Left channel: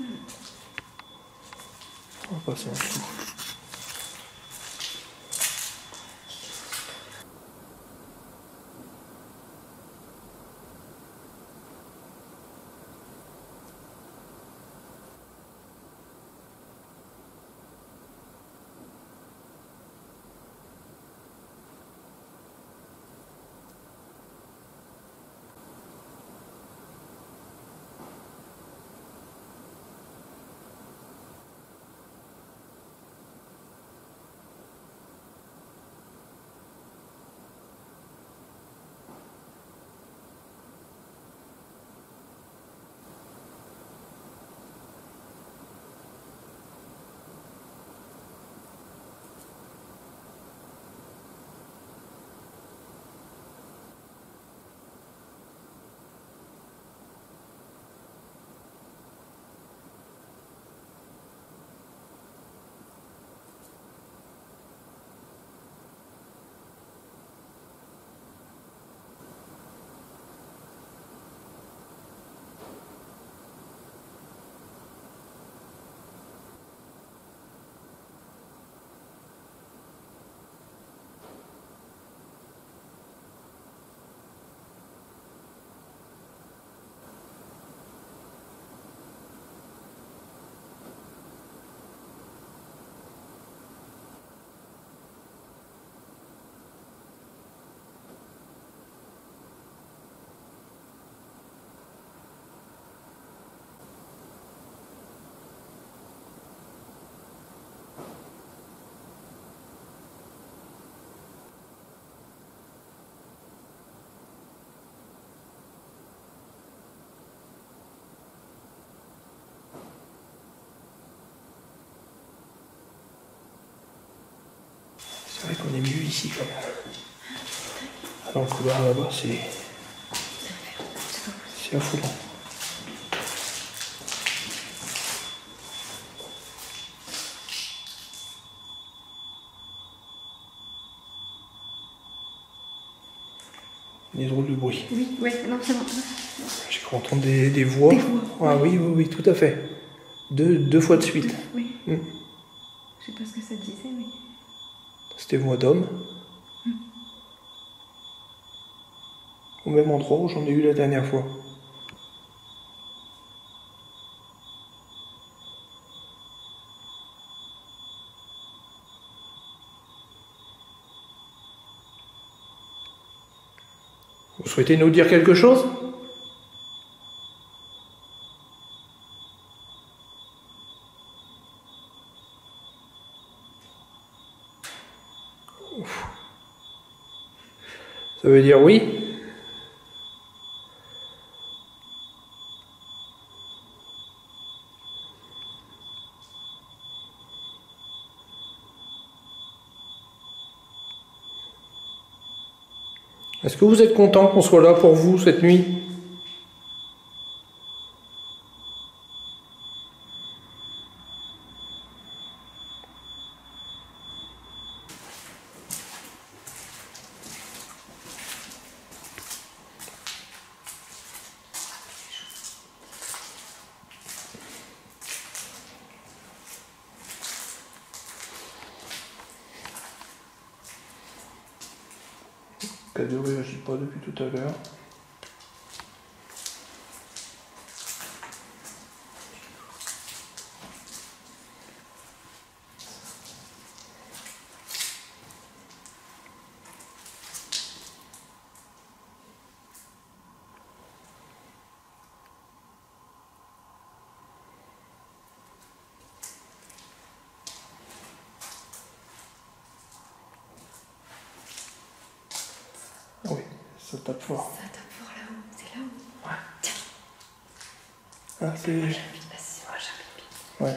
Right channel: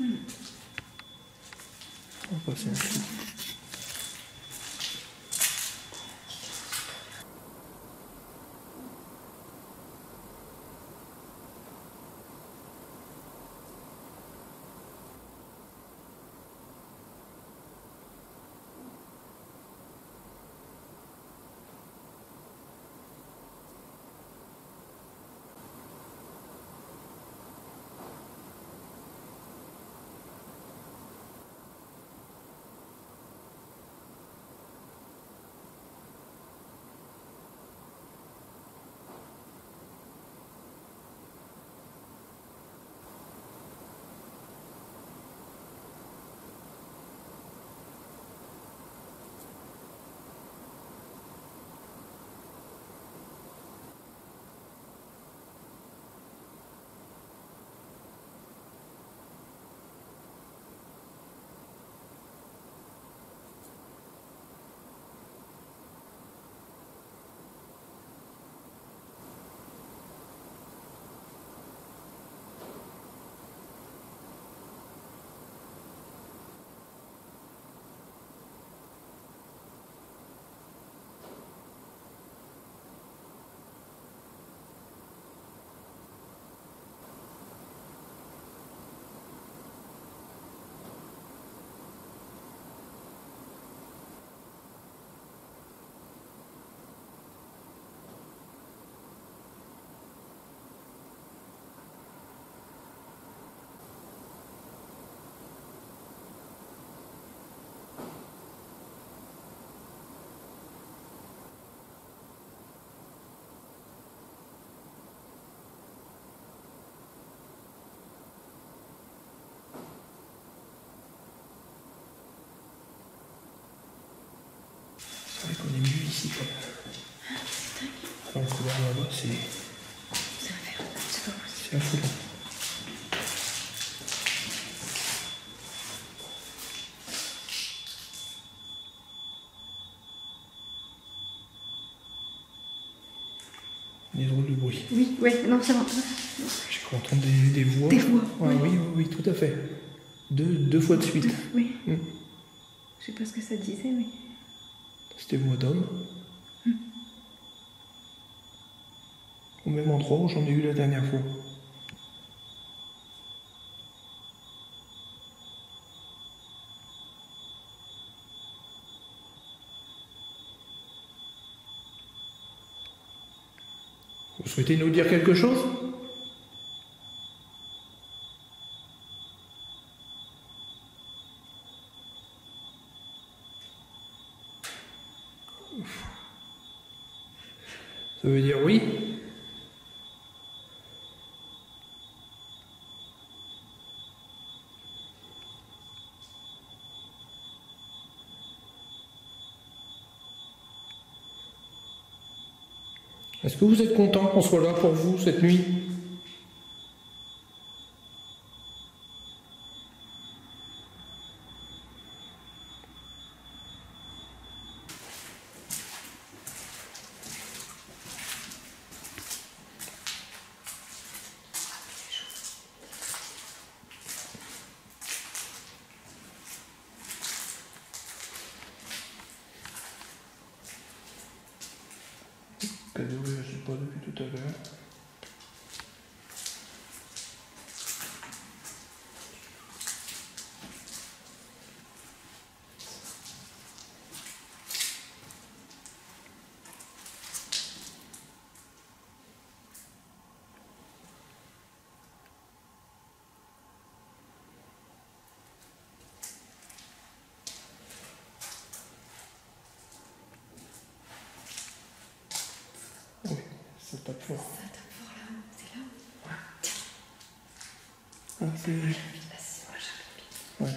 On va passer en dessous. C'est vrai qu'on est mieux ici quand même. Dans le couloir là-bas, c'est affolant. Des drôles de bruit. Oui, ouais, non, c'est bon. J'ai cru entendre des voix. Des voix. Ah oui, oui, oui, tout à fait. Deux fois de suite. Oui. Je sais pas ce que ça disait, mais... C'était voix d'homme. Au même endroit où j'en ai eu la dernière fois. Vous souhaitez nous dire quelque chose ? Ça veut dire oui ? Est-ce que vous êtes content qu'on soit là pour vous cette nuit ? Elle ne réagit pas depuis tout à l'heure. Oui, ça tape fort. Ça tape fort là-haut, c'est là-haut. Ouais. Tiens. Ah, c'est... Moi j'invite, vas-y, moi j'invite. Ouais.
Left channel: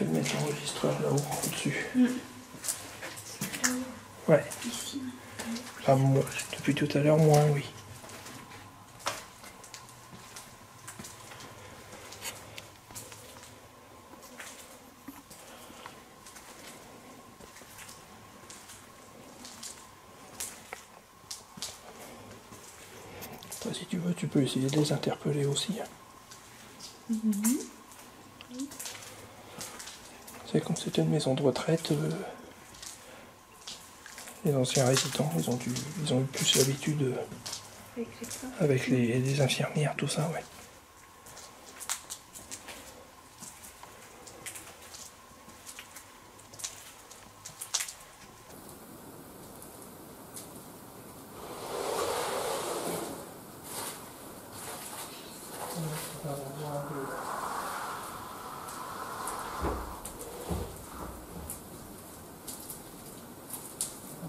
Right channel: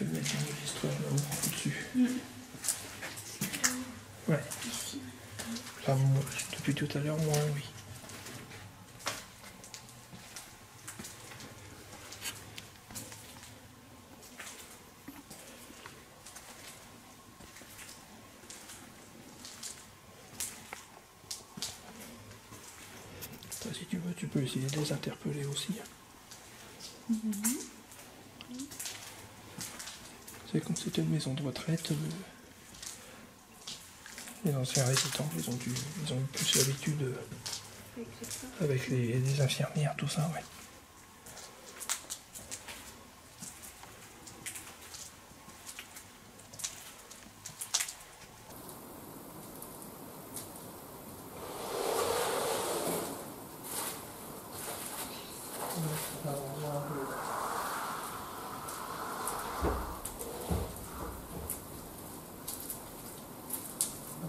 fait de mettre l'enregistreur là-haut, au-dessus. Là-haut. Ouais. Ici. Ah, moi, depuis tout à l'heure, moins, oui. Toi, si tu veux, tu peux essayer de les interpeller aussi. C'est comme c'était une maison de retraite, les anciens résidents, ils ont eu plus l'habitude avec les infirmières, tout ça, ouais.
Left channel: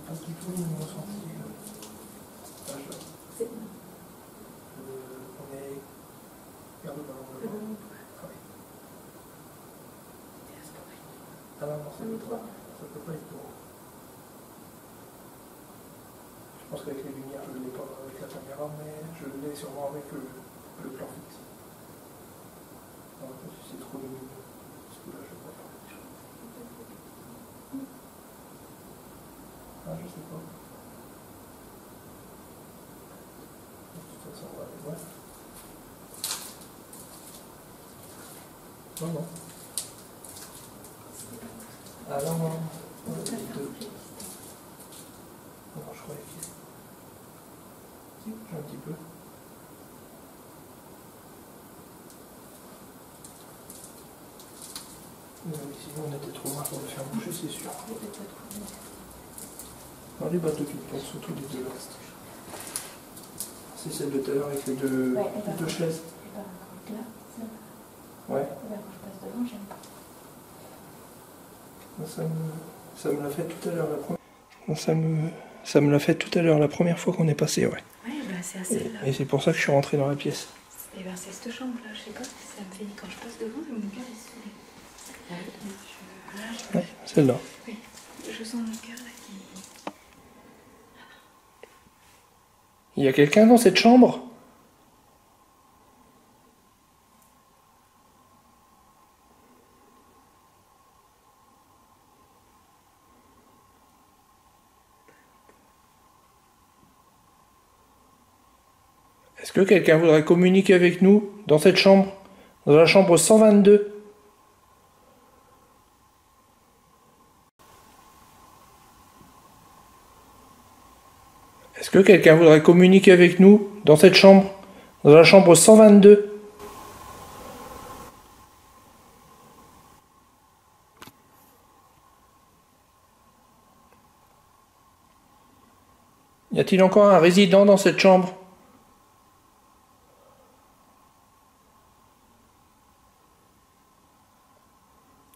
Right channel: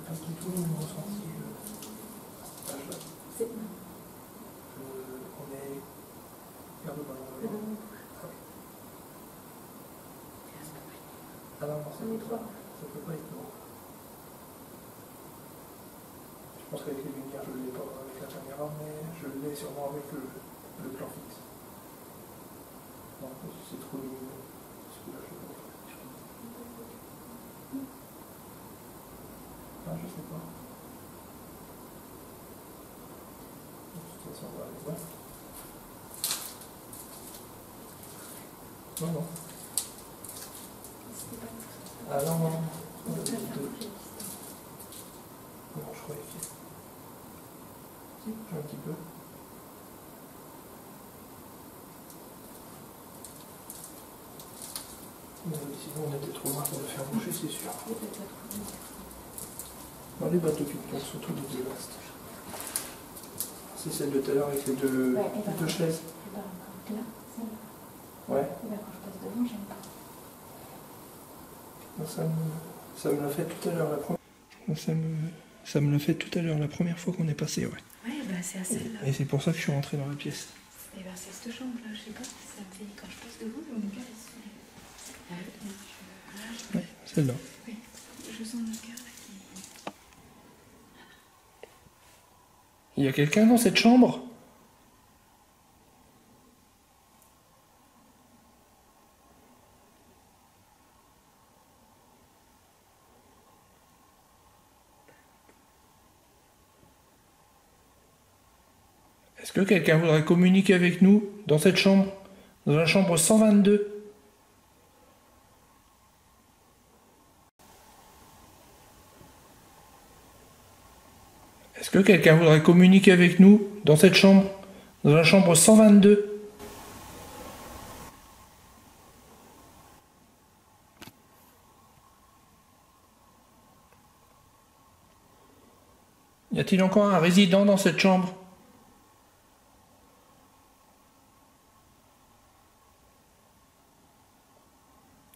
Pas du tout le même ressenti à cet âge-là. On est... Regarde le ballon devant. Ah oui. Ah non, non, ça peut pas être drôle. Je pense qu'avec les lumières, je ne l'ai pas avec la caméra, mais je l'ai sûrement avec le plan fixe. Non, c'est trop lumineux. Ce coup-là, je ne vois pas. Ah, je sais pas. De toute façon, on va aller voir. Non, non. Ah non, non. Non, je croyais qu'il... Si, bouge un petit peu. Oui, sinon on était trop loin pour le faire bouger, c'est sûr. Non, les bateaux qui tombent sont tous les deux là. C'est celle de tout à l'heure avec les deux chaises. Ouais. Et ben quand je passe devant, j'aime pas. Ça me l'a fait tout à l'heure la première. Ça me l'a fait tout à l'heure la première fois qu'on est passé, ouais. Ouais, bah c'est à celle-là. Et c'est pour ça que je suis rentré dans la pièce. Et ben c'est cette chambre-là, je sais pas, ça me fait quand je passe devant, mon cœur il se fait. Ouais, celle-là. Oui, je sens mon cœur là qui. Il y a quelqu'un dans cette chambre ? Est-ce que quelqu'un voudrait communiquer avec nous dans cette chambre ? Dans la chambre 122 ? Est-ce que quelqu'un voudrait communiquer avec nous dans cette chambre ? Dans la chambre 122 ? Y a-t-il encore un résident dans cette chambre ?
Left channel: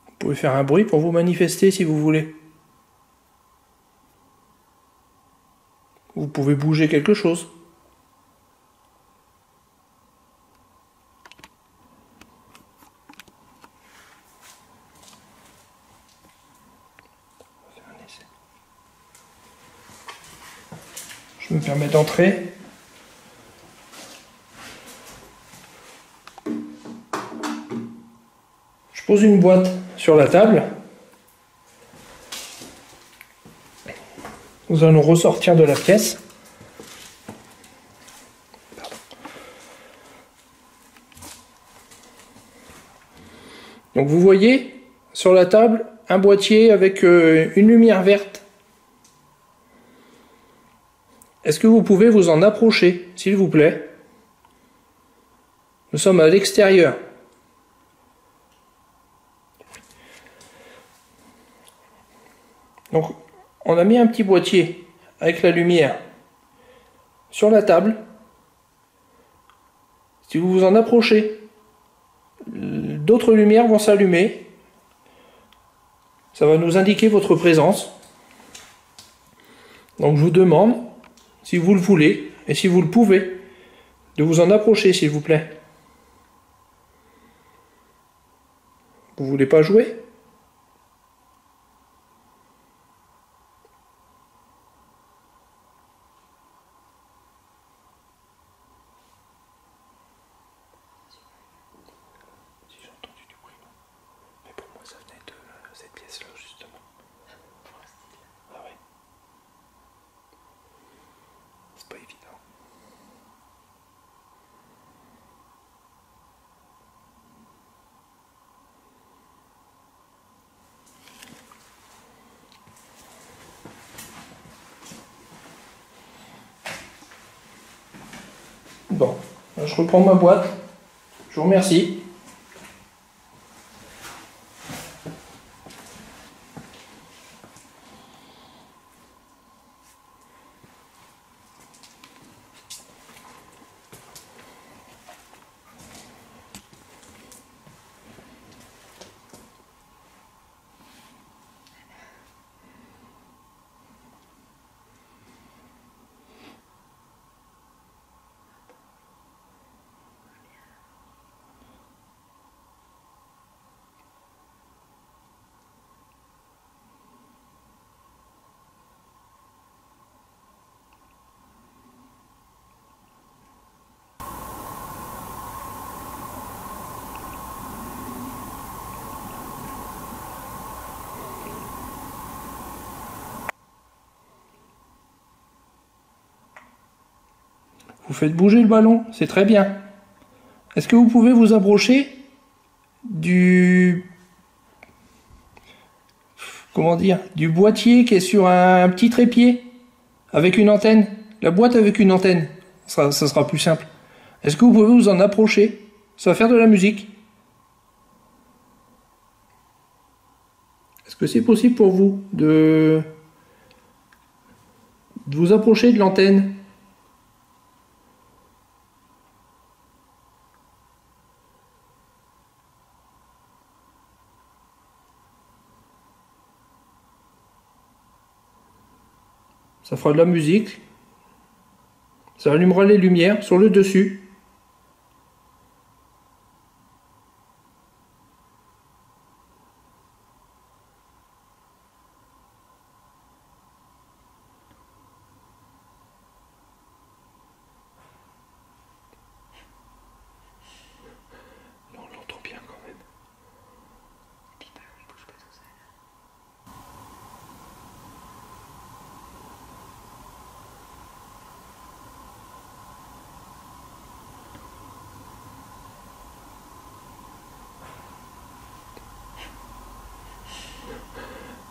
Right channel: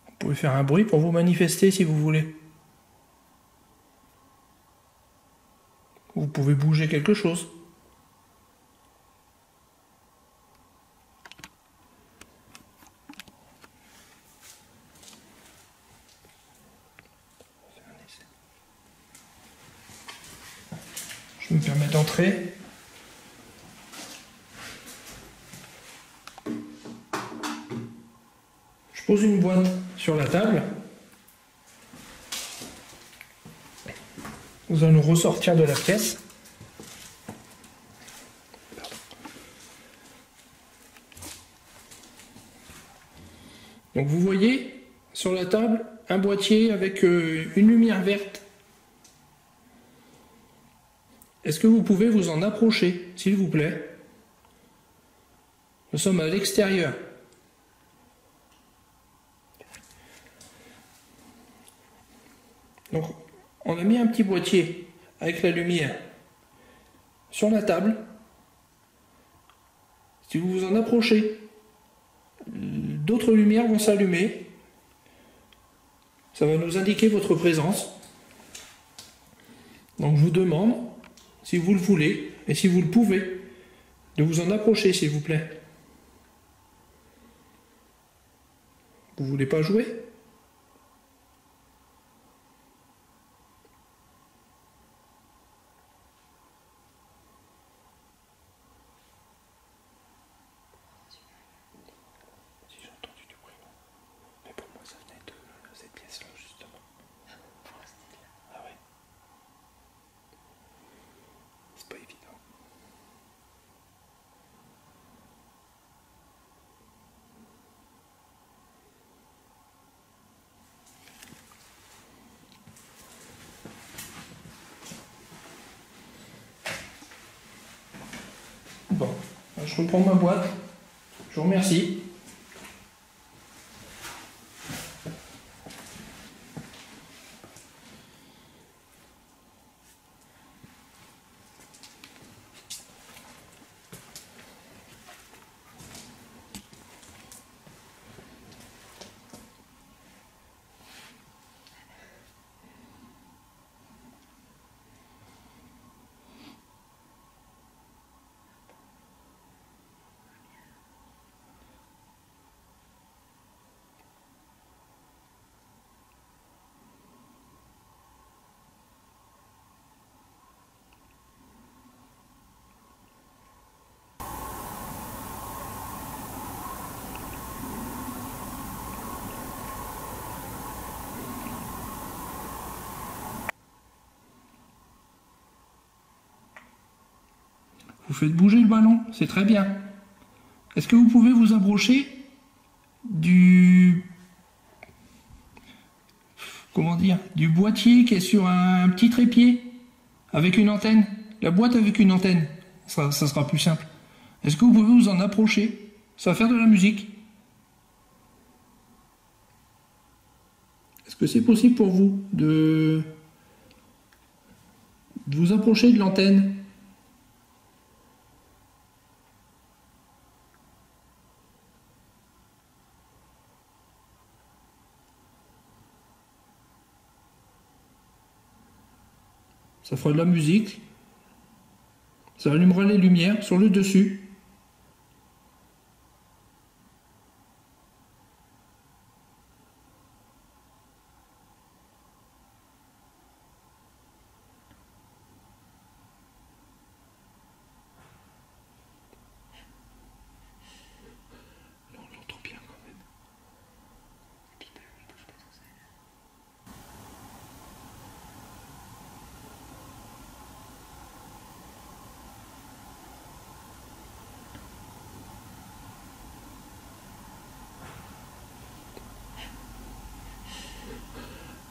Vous pouvez faire un bruit pour vous manifester si vous voulez. Vous pouvez bouger quelque chose. Je me permets d'entrer. Je pose une boîte sur la table. Nous allons ressortir de la pièce. Donc vous voyez sur la table un boîtier avec une lumière verte. Est-ce que vous pouvez vous en approcher, s'il vous plaît? Nous sommes à l'extérieur. Donc, on a mis un petit boîtier avec la lumière sur la table. Si vous vous en approchez, d'autres lumières vont s'allumer. Ça va nous indiquer votre présence. Donc, je vous demande, si vous le voulez, et si vous le pouvez, de vous en approcher, s'il vous plaît. Vous voulez pas jouer ? Bon, je reprends ma boîte. Je vous remercie. Vous faites bouger le ballon, c'est très bien. Est-ce que vous pouvez vous approcher du... Comment dire? Du boîtier qui est sur un petit trépied avec une antenne? La boîte avec une antenne, ça sera plus simple. Est-ce que vous pouvez vous en approcher? Ça va faire de la musique. Est-ce que c'est possible pour vous de vous approcher de l'antenne? Ça fera de la musique. Ça allumera les lumières sur le dessus. Là, on l'entend bien quand même. Et puis, le ballon, il bouge pas tout seul.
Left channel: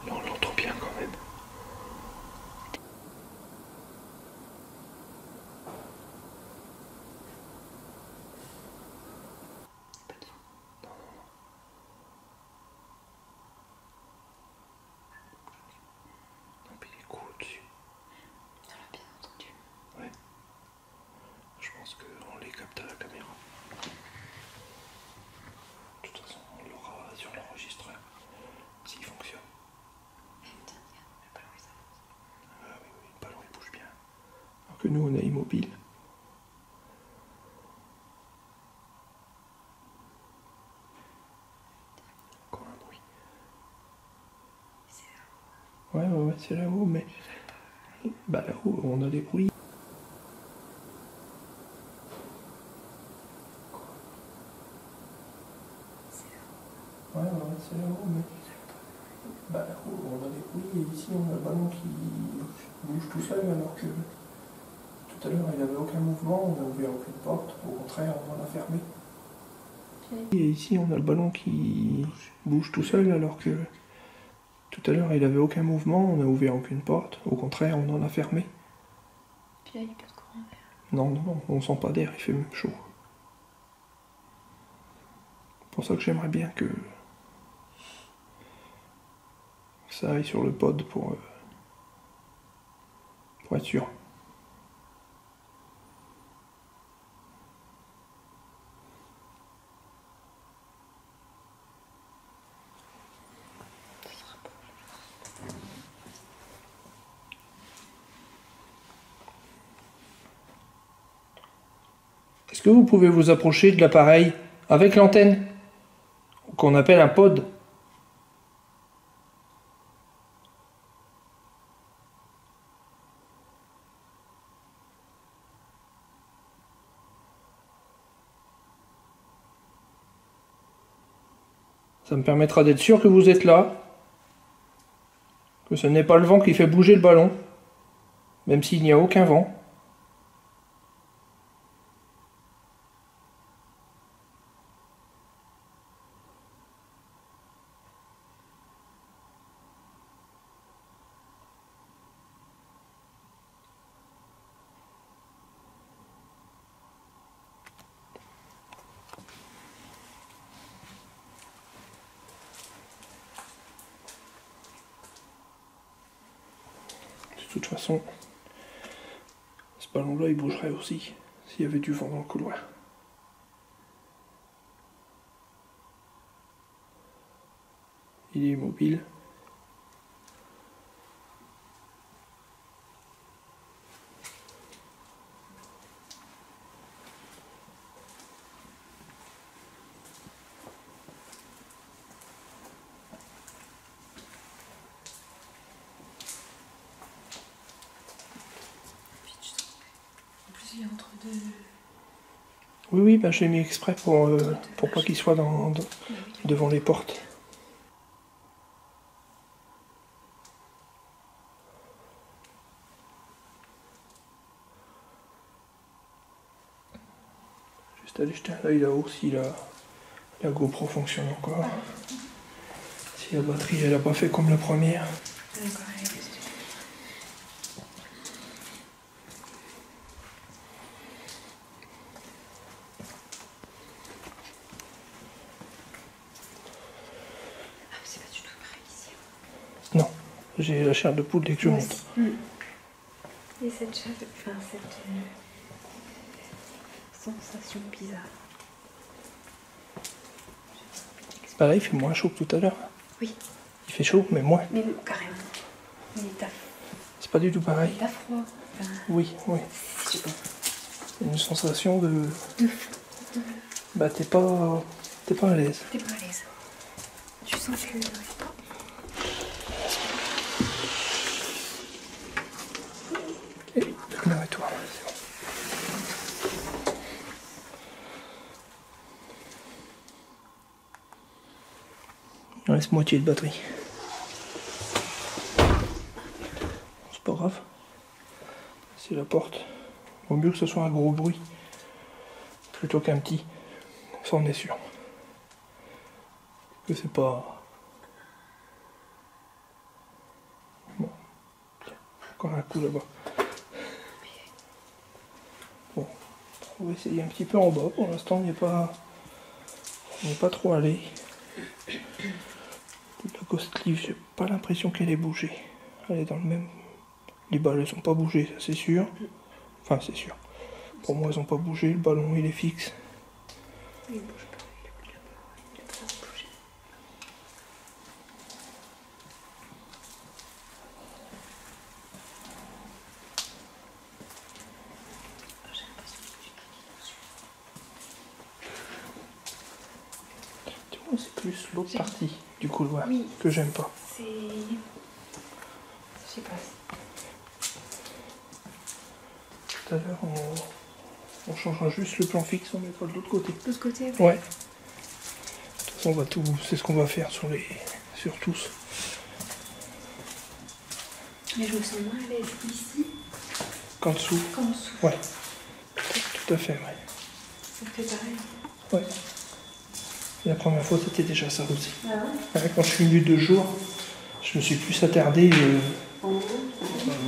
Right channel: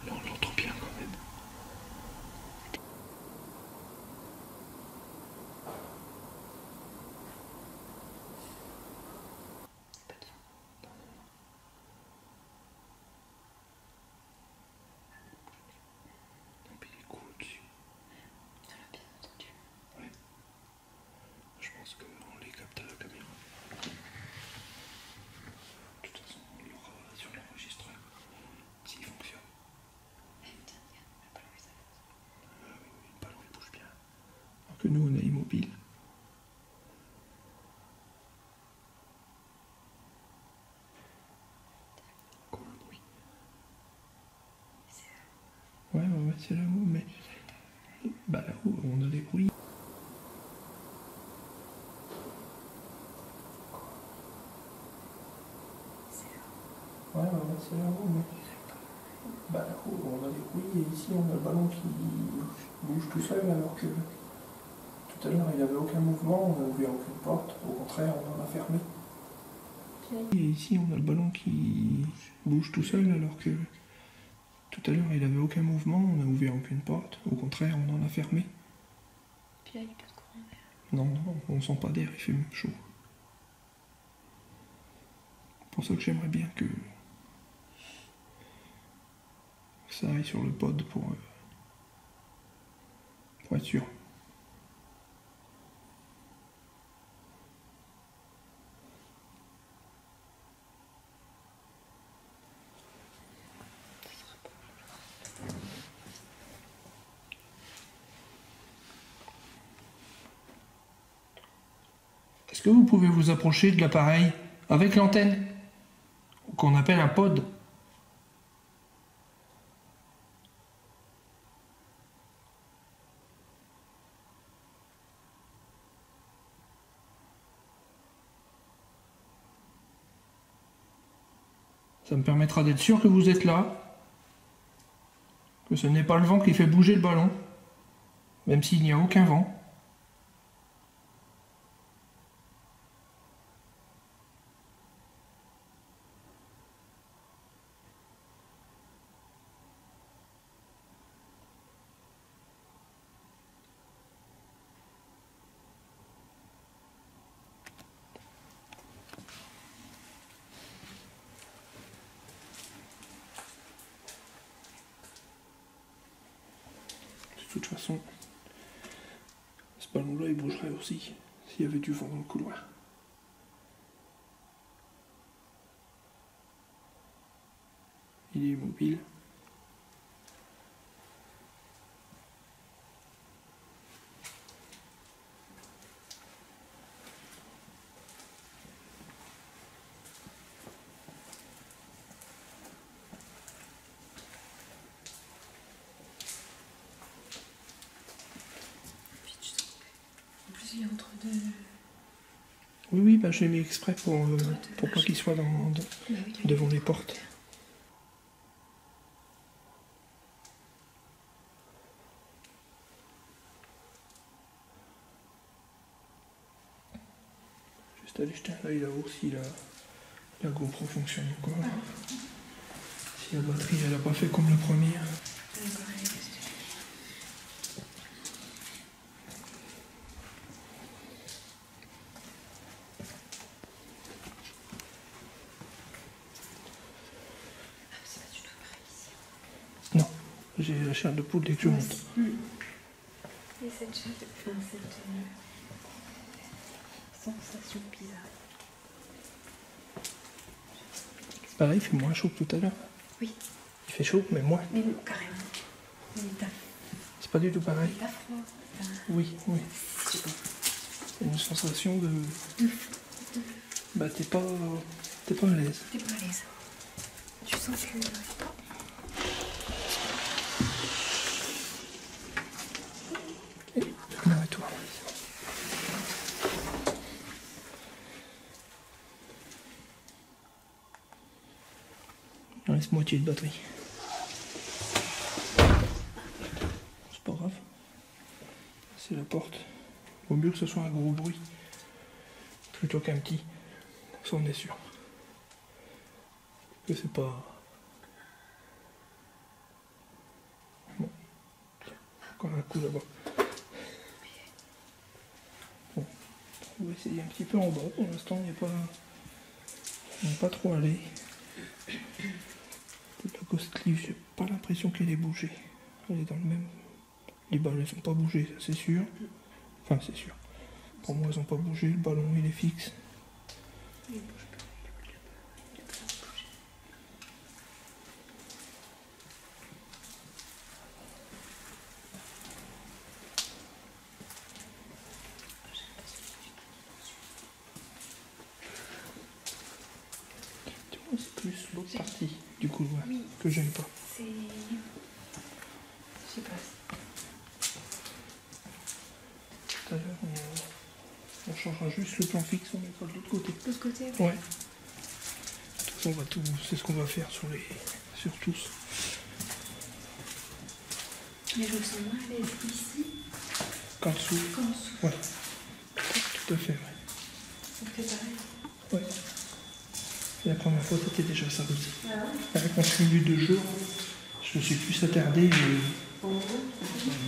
Là, on l'entend bien quand même. Pas de vent. Non, mais il est cool au-dessus. On l'a bien entendu. Ouais. Je pense qu'on les capte à la caméra. De toute façon, on l'aura sur l'enregistreur. S'il fonctionne. Eh putain, regarde, le ballon il s'avance. Ah oui, oui, le ballon il bouge bien. Alors que nous, on est immobile. Encore un bruit. C'est là. Ouais, c'est là-haut, mais... Bah là-haut, on a des bruits. C'est là. Ouais, c'est là-haut, mais... Bah là-haut, on a des bruits, et ici, on a le ballon qui bouge tout seul, alors que... Tout à l'heure, il n'y avait aucun mouvement, on n'a ouvert aucune porte. Au contraire, on en a fermé. Et ici, on a le ballon qui bouge tout seul, alors que... Tout à l'heure, il n'avait aucun mouvement, on n'a ouvert aucune porte. Au contraire, on en a fermé. Puis là, il n'y a pas de courant d'air. Non, on sent pas d'air, il fait même chaud. C'est pour ça que j'aimerais bien que ça aille sur le pod pour être sûr. Est-ce que vous pouvez vous approcher de l'appareil avec l'antenne, qu'on appelle un pod? Ça me permettra d'être sûr que vous êtes là, que ce n'est pas le vent qui fait bouger le ballon, même s'il n'y a aucun vent. toute façon, ce ballon-là, il bougerait aussi s'il y avait du vent dans le couloir. Il est immobile. En plus, il est entre deux. Oui, oui, bah, j'ai mis exprès pour pas qu'il soit devant les portes. Juste aller jeter un œil là-haut si la GoPro fonctionne encore. Si la batterie elle a pas fait comme la première. C'est pas du tout pareil ici. Non, j'ai la chair de poule dès que je monte. Et cette chair, enfin cette sensation bizarre. Pareil, il fait moins chaud que tout à l'heure. Oui. Il fait chaud, mais moins. Mais carrément. Mais t'as C'est pas du tout pareil. froid. Enfin, Oui, oui. je sais pas. Une sensation de. Bah t'es pas à l'aise. T'es pas à l'aise. Tu sens que. Arrête-toi. Il reste moitié de batterie. C'est pas grave. C'est la porte. Vaut mieux que ce soit un gros bruit plutôt qu'un petit. Ça on est sûr. Que c'est pas. Bon. Tiens, encore un coup là-bas. Bon. On va essayer un petit peu en bas. Pour l'instant, on n'est pas trop allé. La Ghost Leaf, j'ai pas l'impression qu'elle ait bougé. Elle est dans le même. Les balles, elles ont pas bougé, ça c'est sûr. Enfin, c'est sûr. Pour moi, elles ont pas bougé. Le ballon, il est fixe. Il bouge pas. Il a pas bougé. J'ai l'impression que Tu vois, c'est plus l'autre partie du couloir oui, que j'aime pas. c'est. Je sais pas. Tout à l'heure, on changera juste le plan fixe, on mettra de l'autre côté. De l'autre côté, Ouais. De toute façon, on va c'est ce qu'on va faire sur tous. Mais je me sens moins à l'aise ici Qu'en dessous. qu'en dessous. Ouais. Tout à fait, ouais. Ça fait pareil. Ouais. Et la première fois, c'était déjà ça aussi. Ah ouais. Quand je suis venu 2 jours, je me suis plus attardé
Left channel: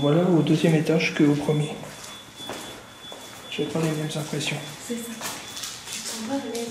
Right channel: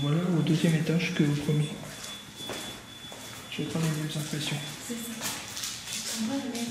voilà, au 2e étage qu'au premier. J'ai pas les mêmes impressions. C'est ça. Tu te sens pas à l'aise.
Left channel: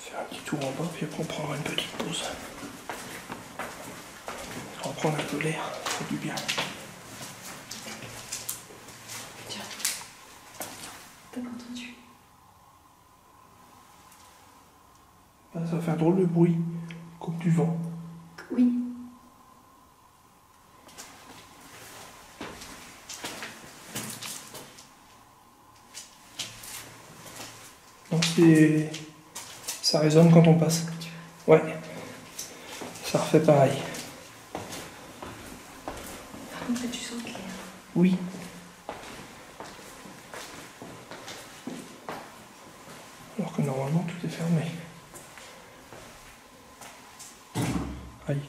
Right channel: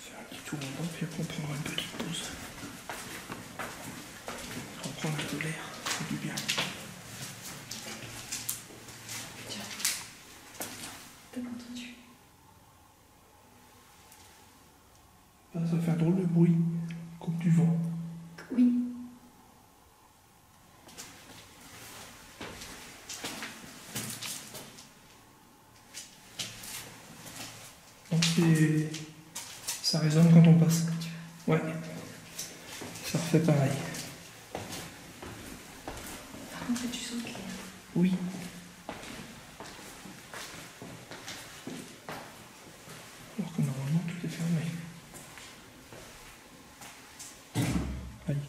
Faire un petit tour en bas, puis après on prendra une petite pause. On va prendre un peu l'air, ça fait du bien. Tiens. T'as pas entendu? Ça va faire drôle de bruit, comme du vent. Oui. Donc ça résonne quand on passe. Ouais. Ça refait pareil. Par contre, tu sens clair. Oui. Alors que normalement tout est fermé. Aïe.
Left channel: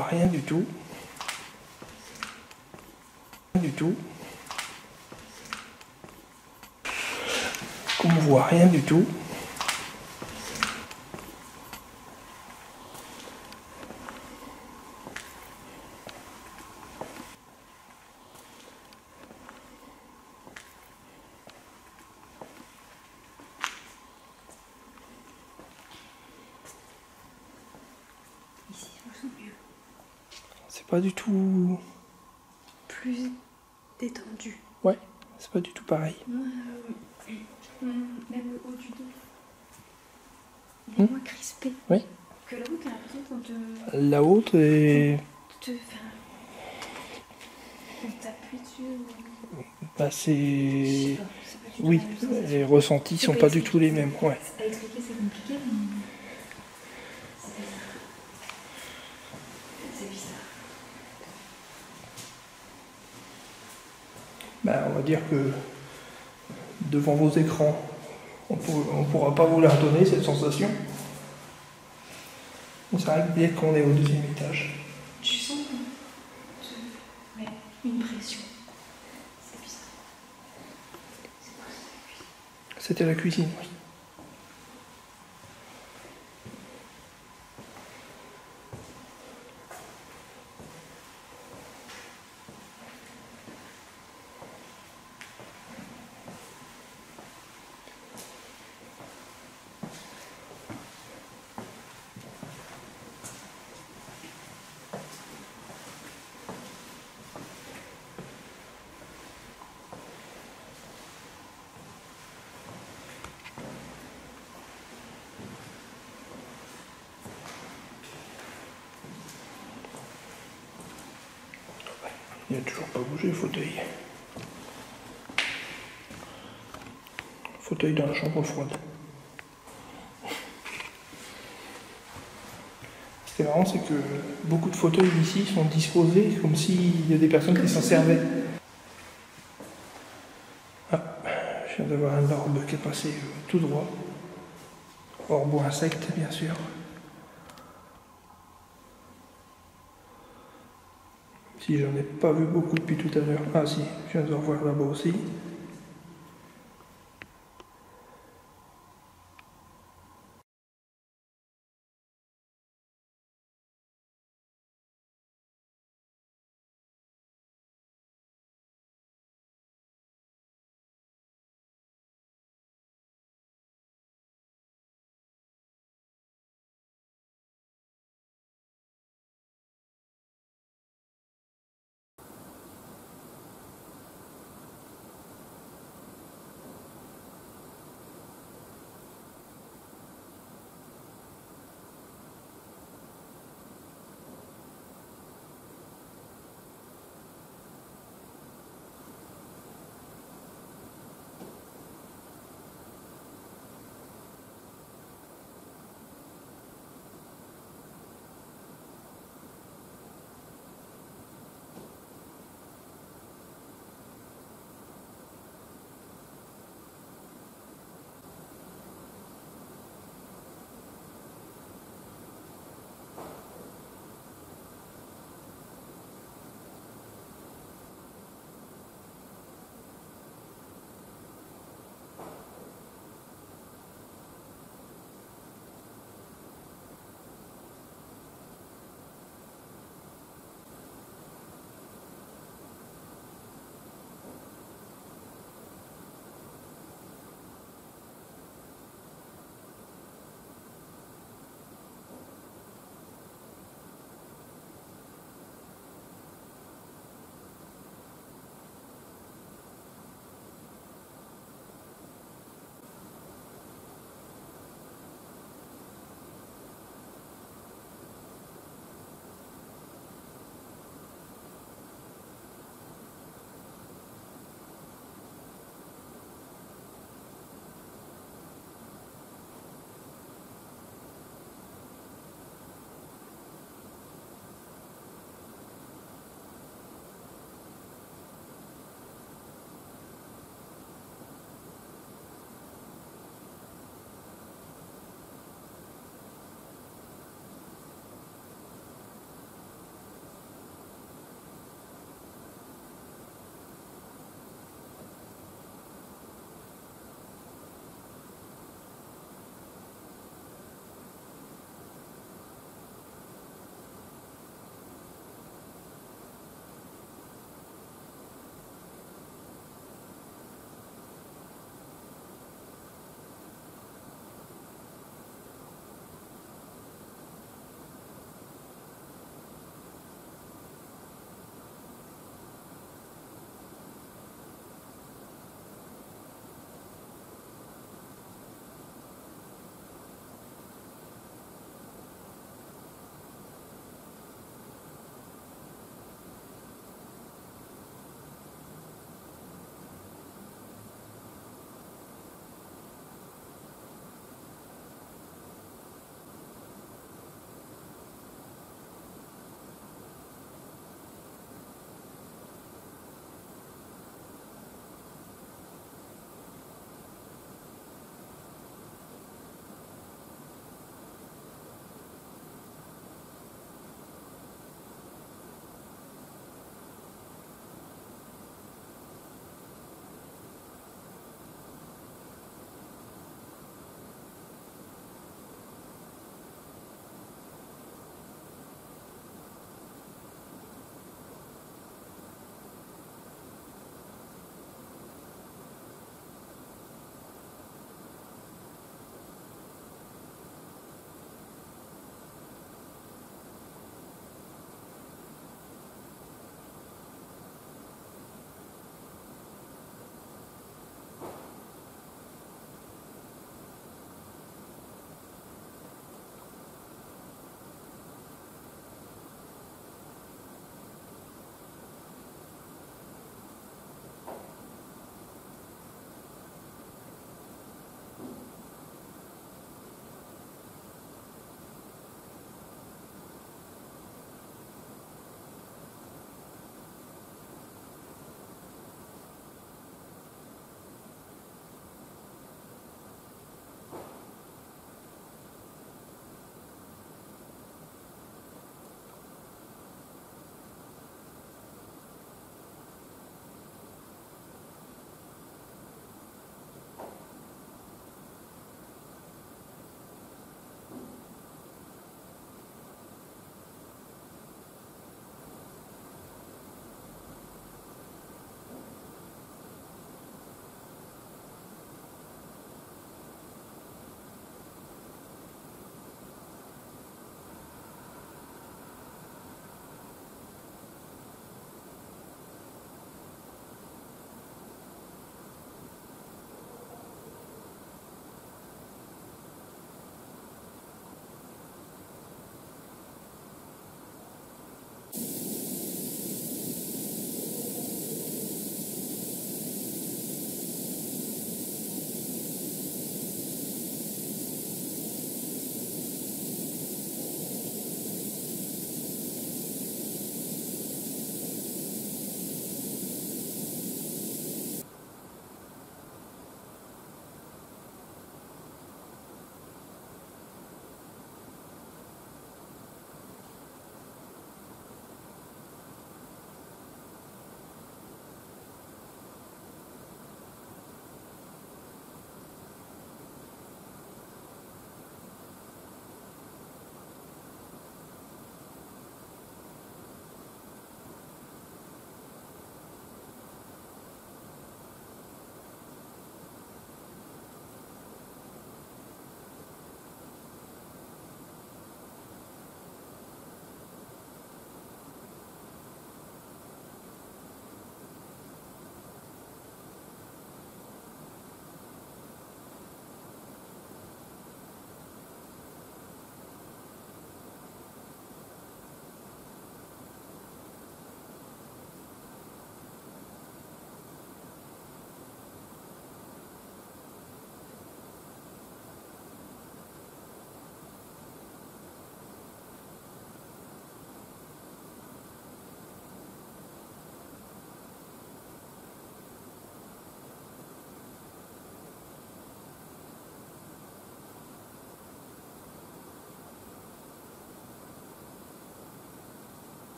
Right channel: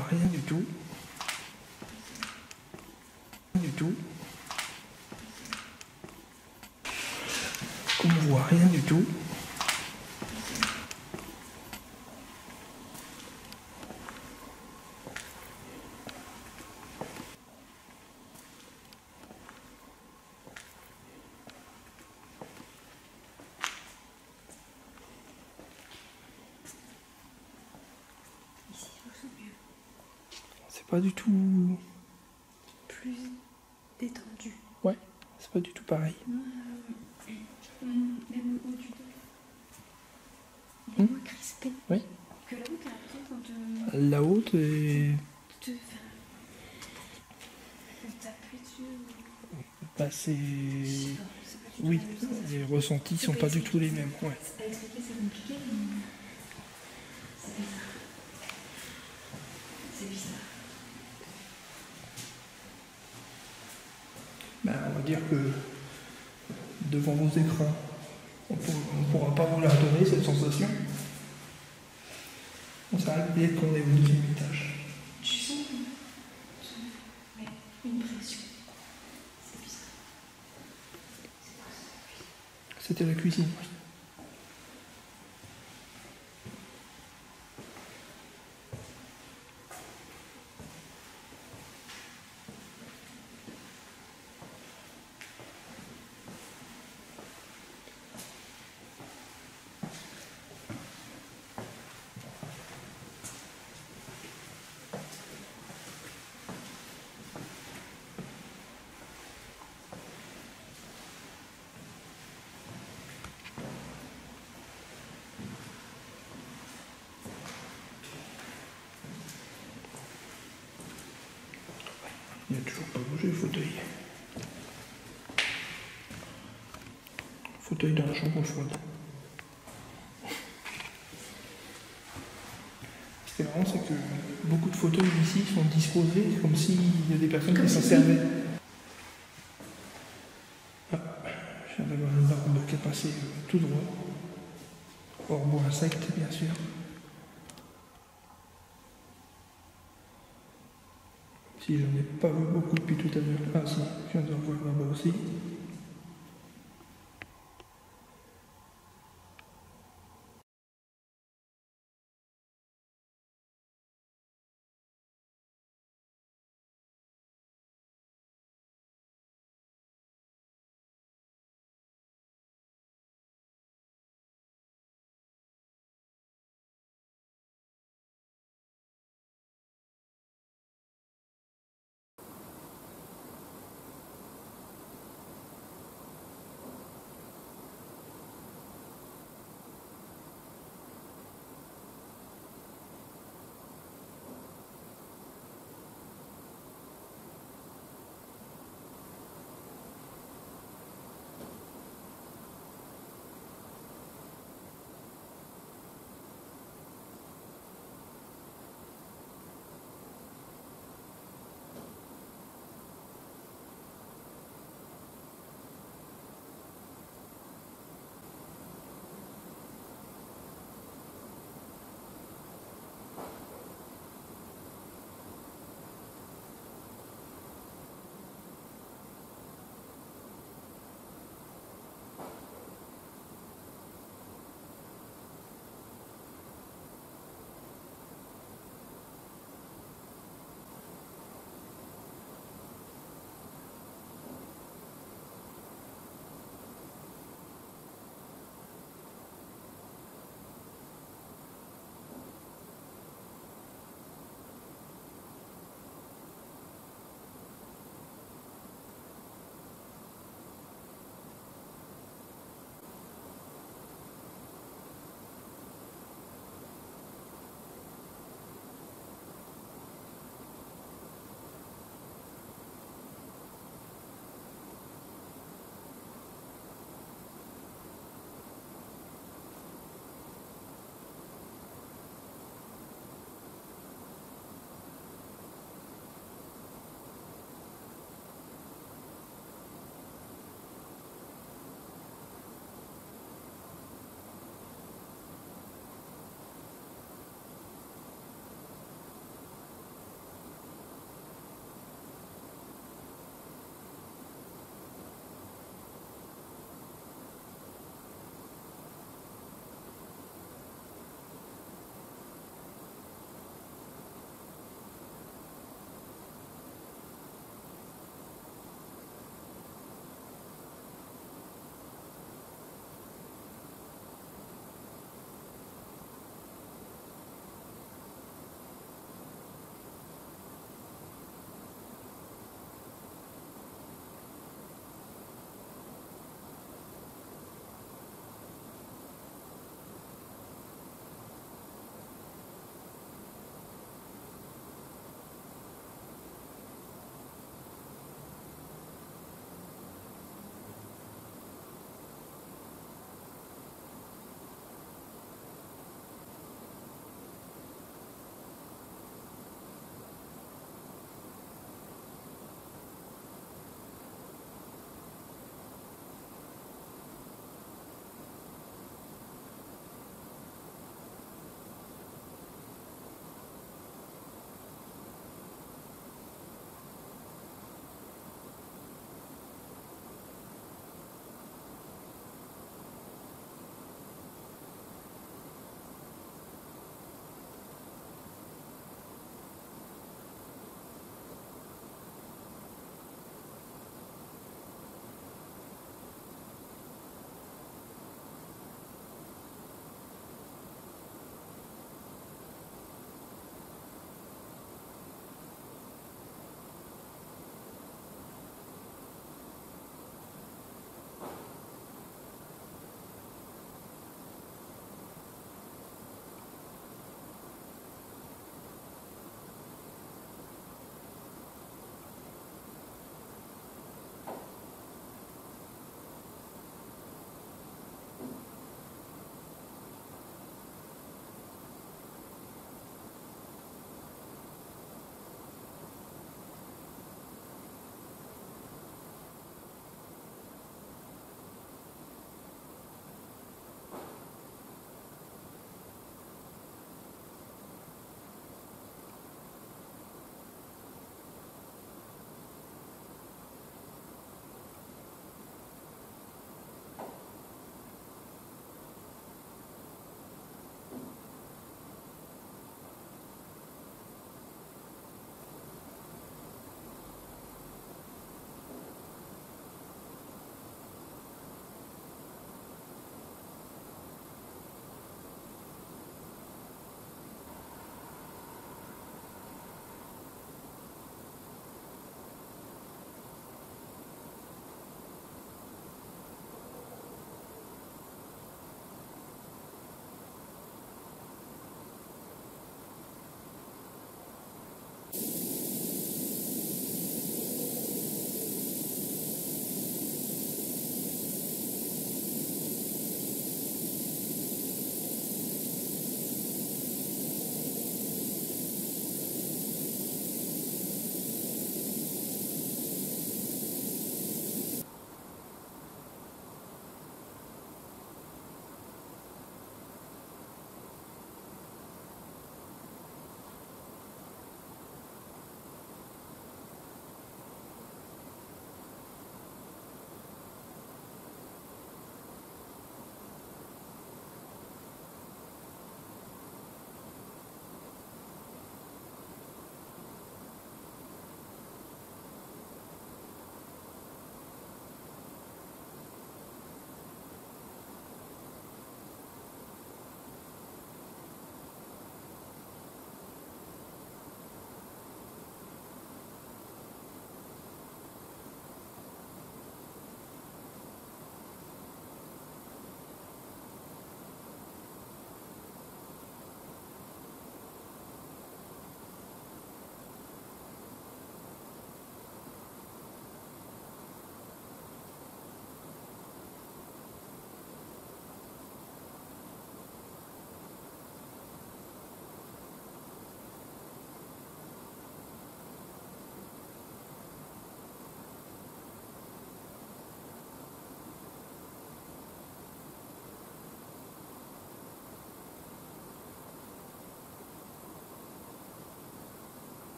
voit rien du tout. Du tout. Comme on voit rien du tout. Ici, je me sens mieux. C'est pas du tout... Plus détendu. Ouais, c'est pas du tout pareil. Même le haut du dos. Il est moins crispé. Oui. Que la haute, t'as l'impression qu'on te... La haute est... On t'appuie dessus. Bah c'est... Je sais pas, c'est pas du tout Oui, la même sensation. les ressentis sont pas du tout les mêmes. Ouais. À expliquer, c'est compliqué, mais... C'est bizarre. C'est bizarre. Bah, on va dire que devant vos écrans, on pourra pas vous la redonner cette sensation. C'est vrai que dès qu'on est au deuxième étage. Tu sens ouais, une pression. C'est bizarre. C'est quoi ça? C'était la cuisine, oui. Il n'a toujours pas bougé le fauteuil. Fauteuil dans la chambre froide. Ce qui est marrant, c'est que beaucoup de fauteuils ici sont disposés comme s'il y a des personnes qui s'en servaient. Ah, je viens d'avoir un orbe qui est passé tout droit. Orbe ou insecte, bien sûr. Si j'en ai pas vu beaucoup depuis tout à l'heure. Ah si, je viens de revoir là-bas aussi.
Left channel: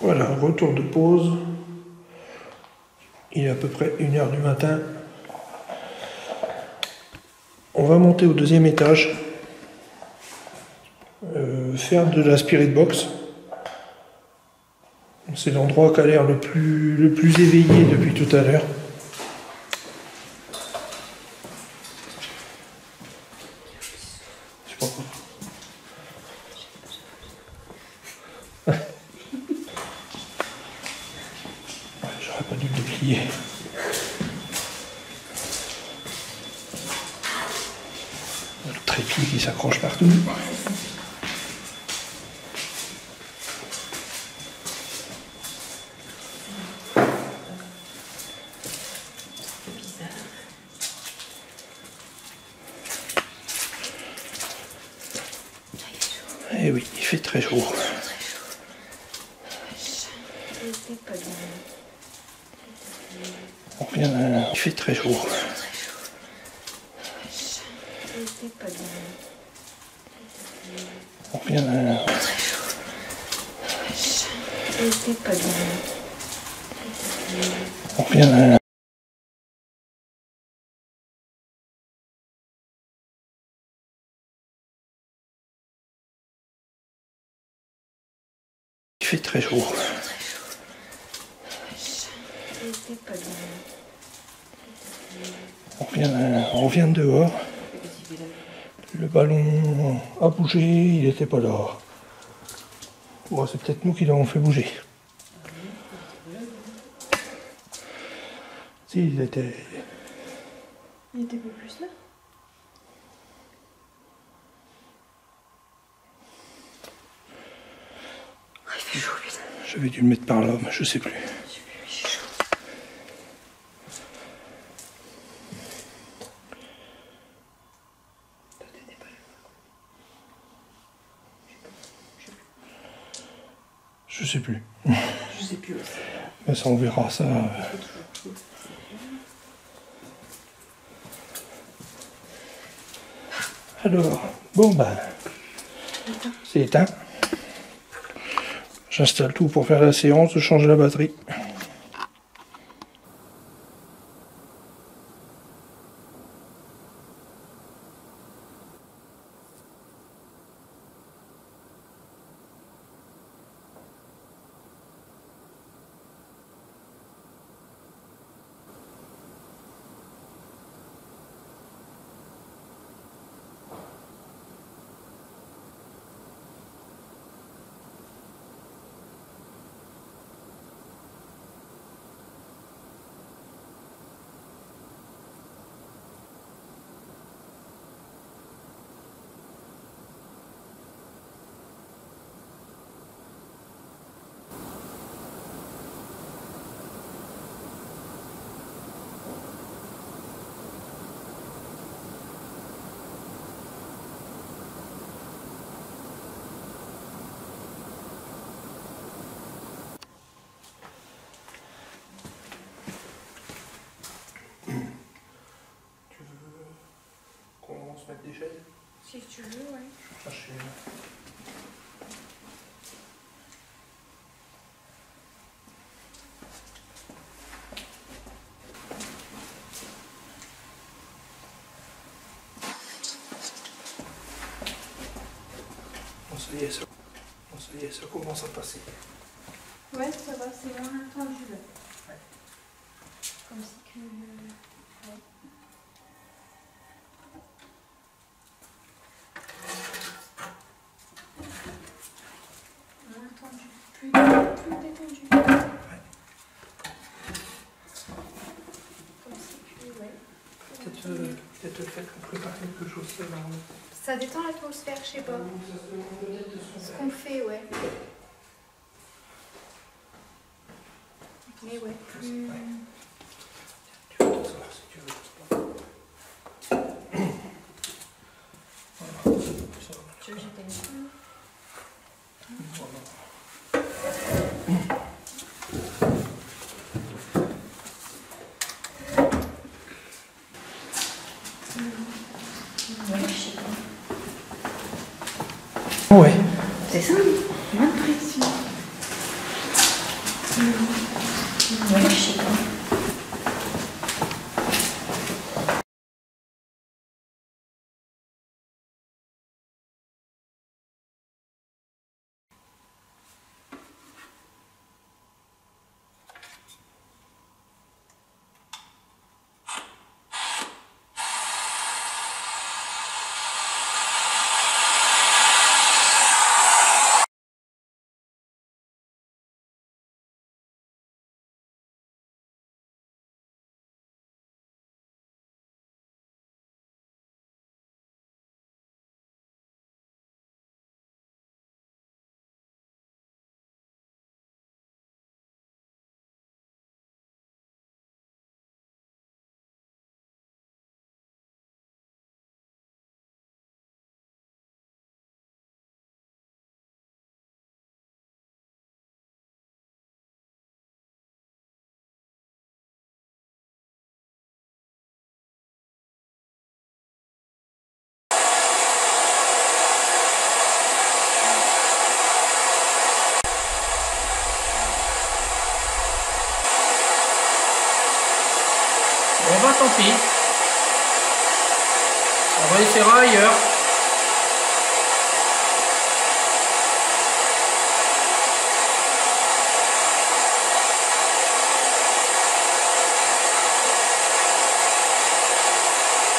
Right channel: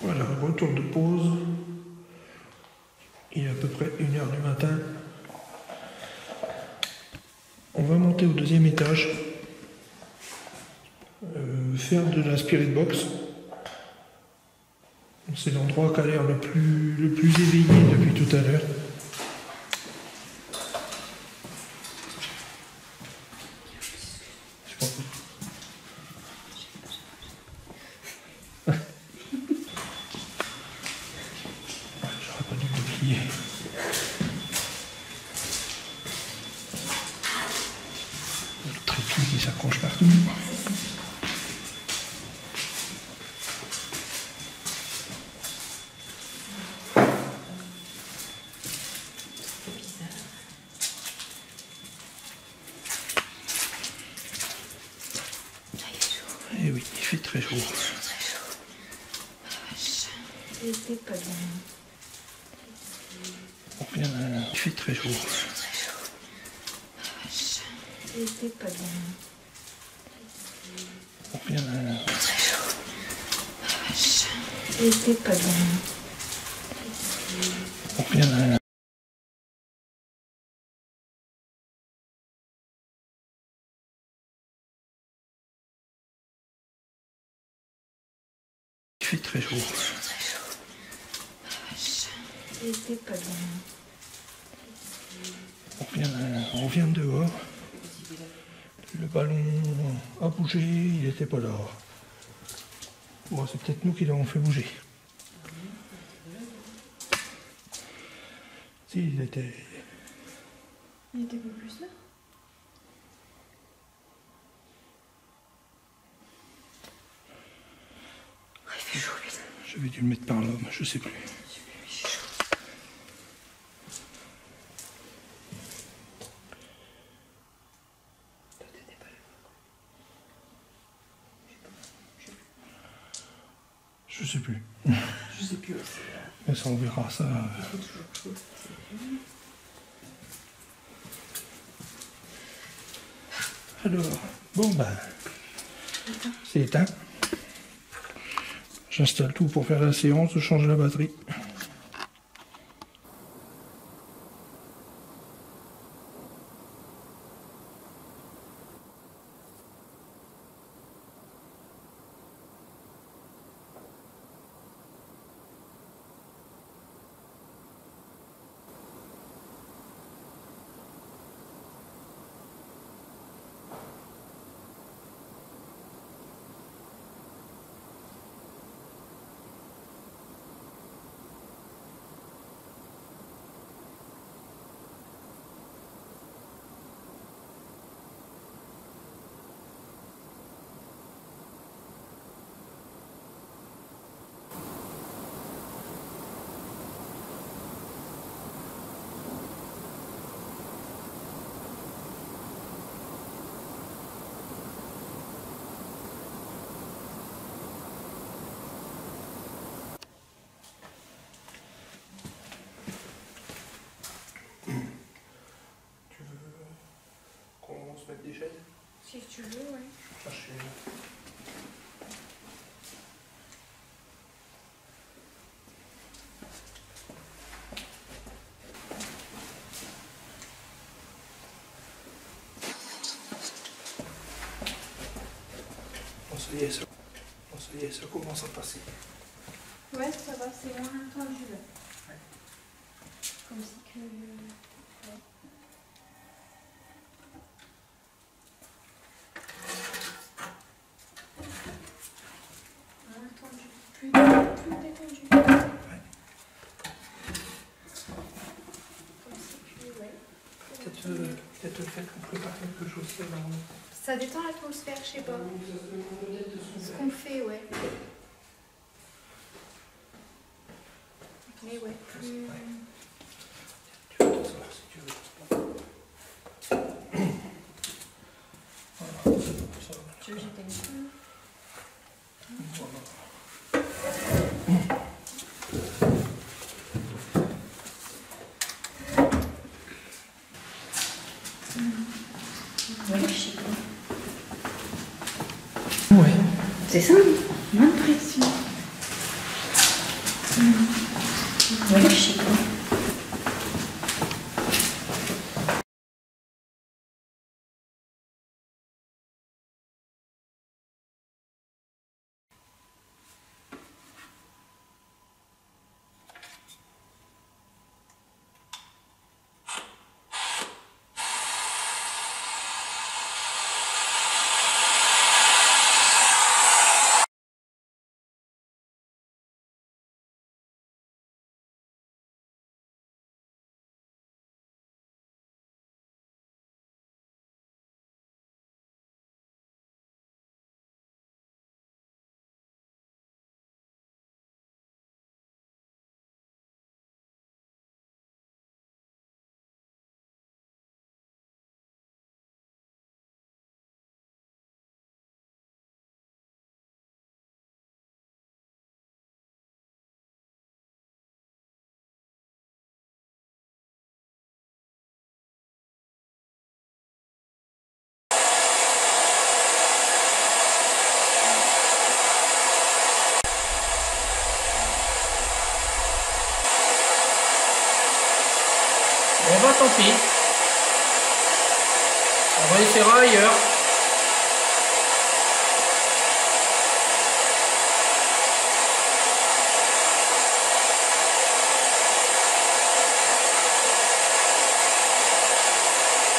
Voilà, retour de pause. Il est à peu près 1h du matin. On va monter au deuxième étage, faire de la spirit box. C'est l'endroit qui a l'air le plus éveillé depuis tout à l'heure. Je sais pas pourquoi. J'aurais pas dû le déplier. Le trépied qui s'accroche partout. Eh oui, il fait très chaud. On revient à... Il fait très chaud. On revient à... On revient à... Il fait très chaud. On revient de dehors. Le ballon a bougé, il n'était pas là. Bon, c'est peut-être nous qui l'avons fait bouger. Si, il était... Il était pas plus là. Il fait chaud, putain. J'avais dû le mettre par là, mais je sais plus. Il fait chaud. Je sais plus. Je sais plus aussi. Mais ça, on verra ça. Alors, bon ben, c'est éteint. J'installe tout pour faire la séance, je change la batterie. Mettre des chaises. Si tu veux, ouais. Je vais chercher. Bon, ça y est, ça commence à passer. Ouais, ça va, c'est moins attendu là. Ouais. Comme si que... Ouais. Plus détendu. Ouais. Comme si que, ouais. Peut-être le fait qu'on prépare quelque chose, ça va. Ça détend l'atmosphère, je sais pas. Ce qu'on fait, ouais. Mais ouais, plus... Ouais. Tu peux t'en sortir si tu veux. Voilà. Ça va. Tu veux que j'éteigne? Voilà. Ouais, je sais pas. Ouais. C'est ça, moins de pression. pas, tant pis. On va essayer ailleurs.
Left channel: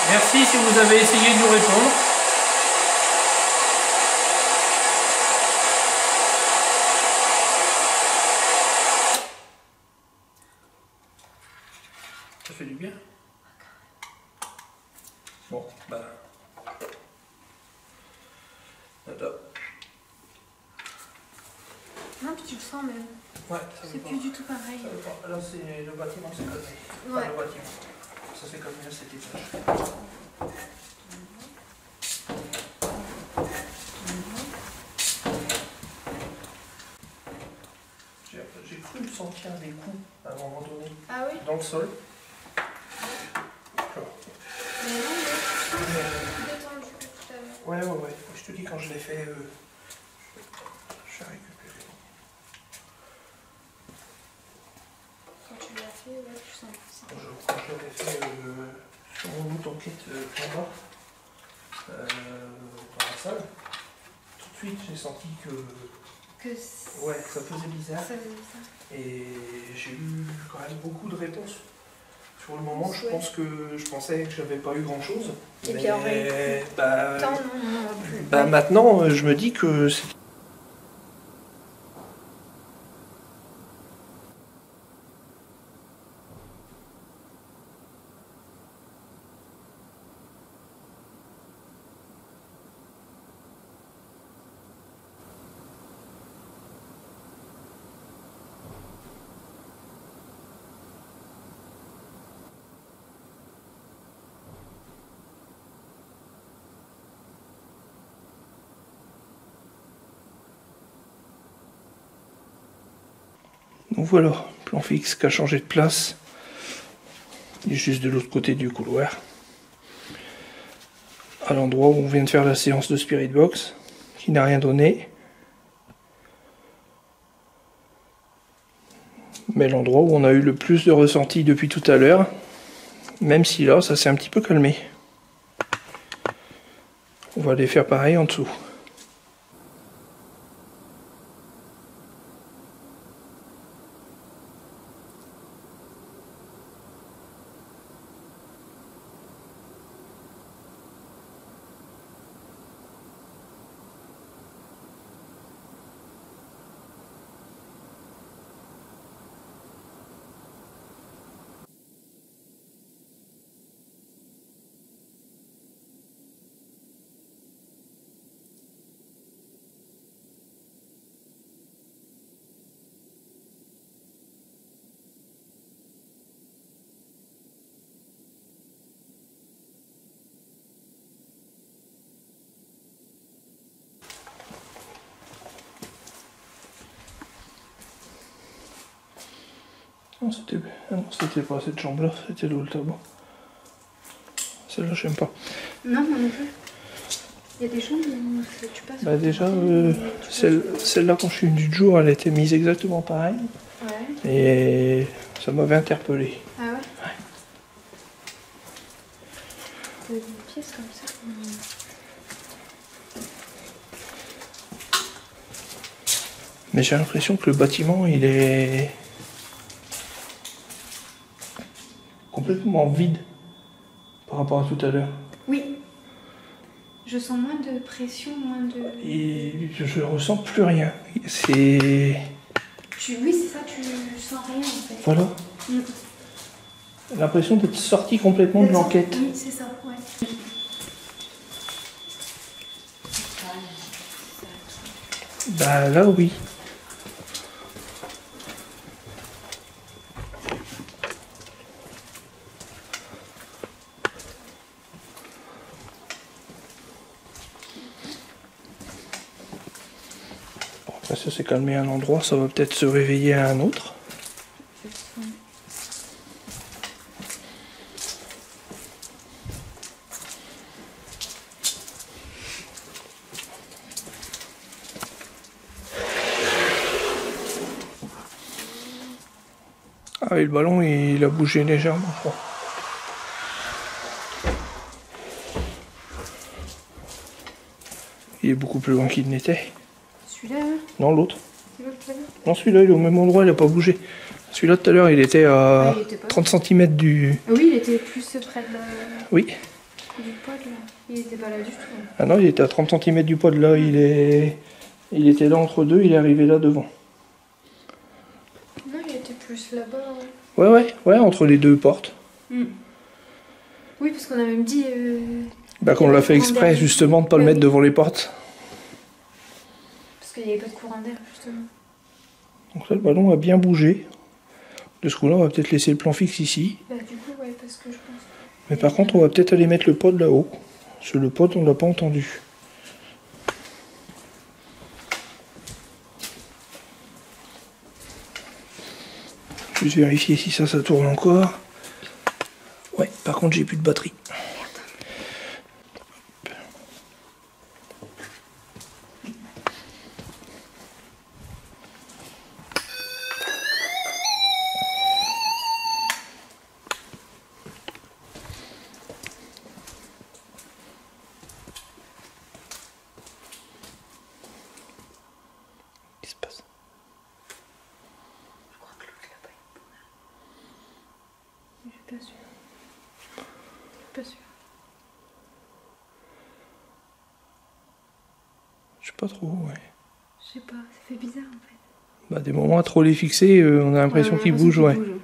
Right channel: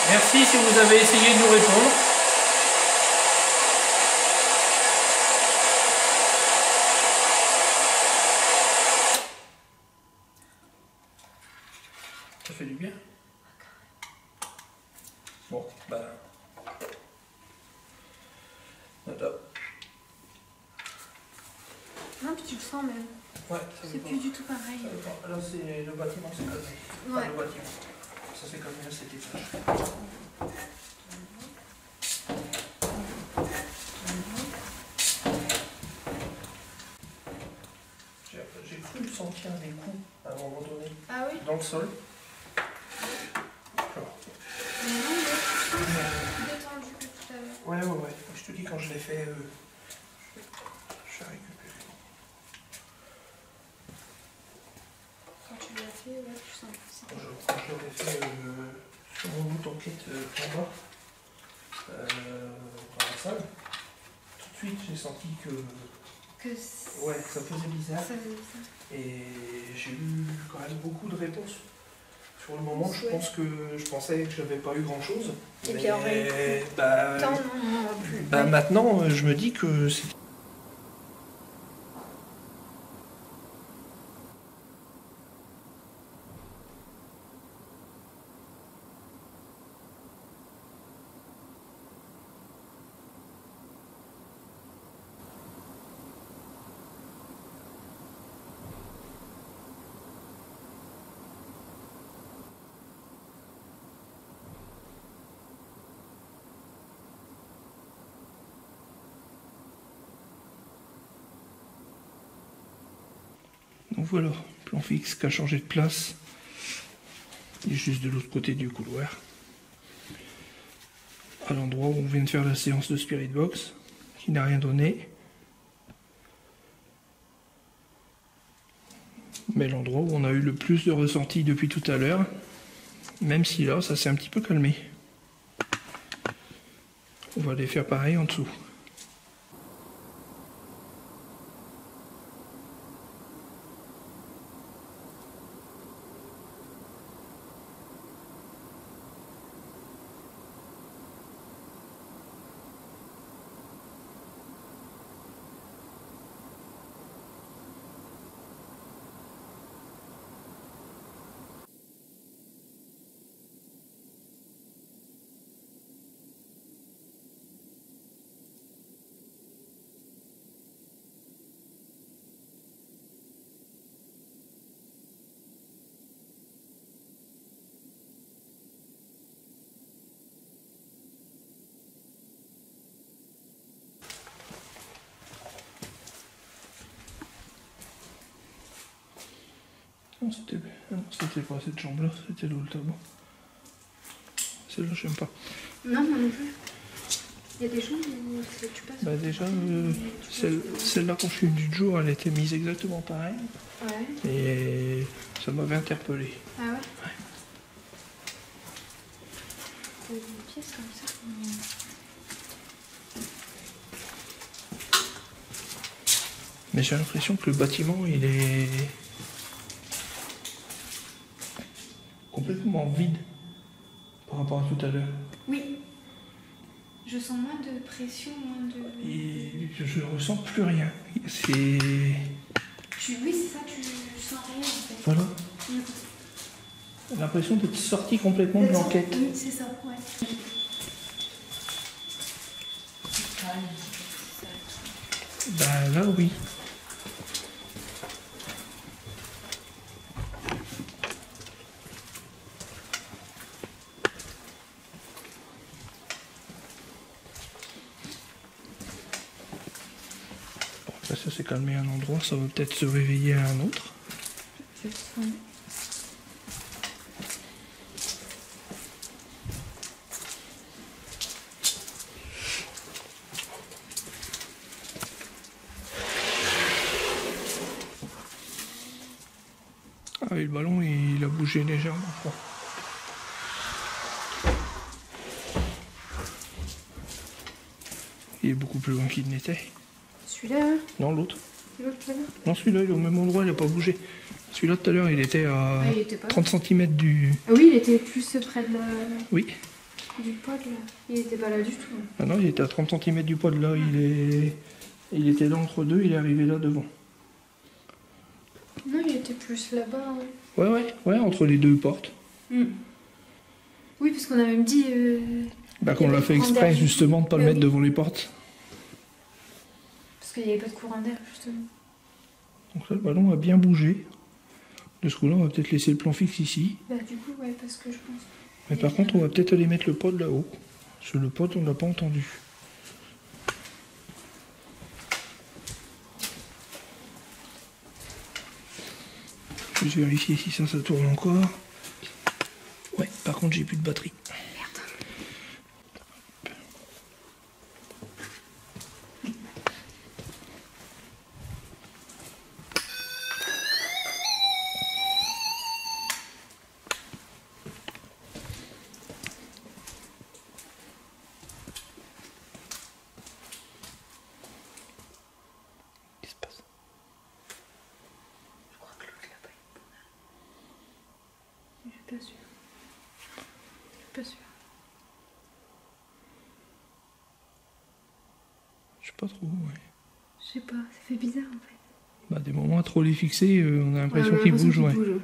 Merci si vous avez essayé de nous répondre. Ça fait du bien. Bon, bah... Attends. Non, puis tu le sens même. Ouais, c'est plus du tout pareil. Là, c'est le bâtiment, c'est comme ça. Ouais. Enfin, le bâtiment. Ça, c'est comme à cet étage. J'ai cru sentir des coups à un moment donné. Ah oui? Dans le sol. Mais non, mais tu sens détendu que tout à l'heure. Ouais. Je te dis, quand je l'ai fait, je vais récupérer. Quand tu l'as fait, ouais, tu sens que c'est... Quand je l'ai fait sur mon auto-enquête en bas, dans la salle, tout de suite, j'ai senti que ouais, ça faisait bizarre. Ça faisait bizarre. Et j'ai eu quand même beaucoup de réponses. Sur le moment, je pensais que j'avais pas eu grand chose. Et puis en réalité, non, maintenant, je me dis que c'est... Donc voilà, plan fixe qui a changé de place. Il est juste de l'autre côté du couloir. À l'endroit où on vient de faire la séance de Spirit Box, qui n'a rien donné. Mais l'endroit où on a eu le plus de ressenti depuis tout à l'heure, même si là, ça s'est un petit peu calmé. On va aller faire pareil en dessous. Non, c'était pas cette chambre-là, c'était l'autre là-bas. Celle-là, j'aime pas. Non, moi non plus. Il y a des chambres où tu passes... Bah déjà, celle-là, quand je suis venu du jour, elle était mise exactement pareil. Ouais. Et ça m'avait interpellé. Ah ouais? Ouais. T'as des pièces comme ça. Mais j'ai l'impression que le bâtiment, il est complètement vide par rapport à tout à l'heure. Oui. Je sens moins de pression, moins de... Et je ressens plus rien. C'est... Oui, c'est ça, tu sens rien en fait. Voilà. L'impression d'être sorti complètement de l'enquête. Oui, c'est ça, ouais. Bah là, oui. Après, ça s'est calmé à un endroit, ça va peut-être se réveiller à un autre. Ah, et le ballon, il a bougé légèrement, je crois. Il est beaucoup plus loin qu'il n'était. Celui-là, hein, Non, l'autre. l'autre là. Non, celui-là, il est au même endroit, il n'a pas bougé. Celui-là, tout à l'heure, il était à Ah, il était pas 30 cm du... Ah oui, il était plus près de Oui. du pod là. Il était pas là du tout. Ah non, il était à 30 cm du pod. Là, il était là entre deux, il est arrivé là devant. Non, il était plus là-bas. Hein. Ouais, entre les deux portes. Oui, parce qu'on a même dit. Bah, qu'on l'a fait exprès, justement, de ne pas le mettre devant les portes. Parce qu'il n'y avait pas de courant d'air, justement. Donc là, le ballon a bien bougé. De ce coup-là, on va peut-être laisser le plan fixe ici. Bah, du coup, ouais, parce que je pense. Mais par contre, on va peut-être aller mettre le pod là-haut. Parce que le pod, on l'a pas entendu. Juste vérifier si ça tourne encore. Ouais, par contre, j'ai plus de batterie. Qu'est-ce qui se passe? Je crois que l'autre là-bas est bon. Je suis pas sûre. Je suis pas sûre. Je sais pas trop, ouais. Je sais pas, ça fait bizarre en fait. Bah, des moments à trop les fixer, on a l'impression qu'il bouge, ouais. Lui,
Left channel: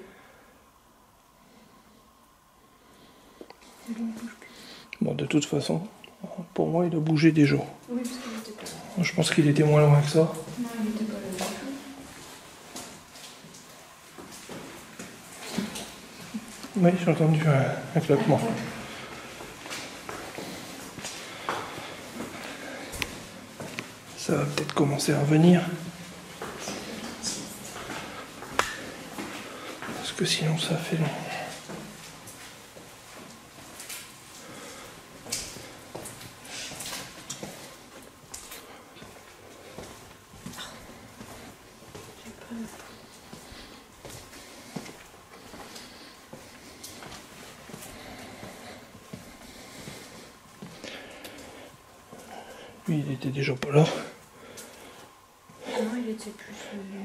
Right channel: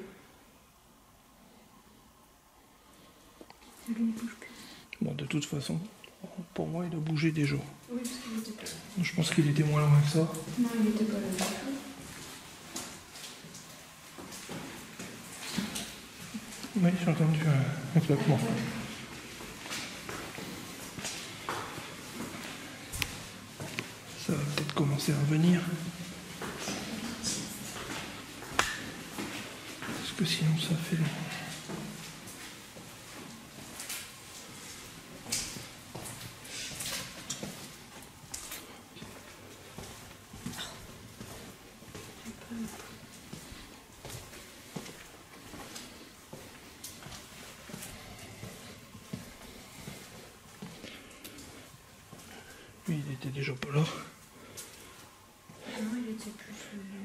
il bouge plus. Bon, de toute façon, pour moi, il a bougé déjà. Oui, parce qu'il était pas là. Je pense qu'il était moins loin que ça. Non, il était pas là du tout. Oui, j'ai entendu un claquement. Ça va peut-être commencer à revenir. Parce que sinon, ça fait long. Lui, il était déjà pas là. Non, il était plus.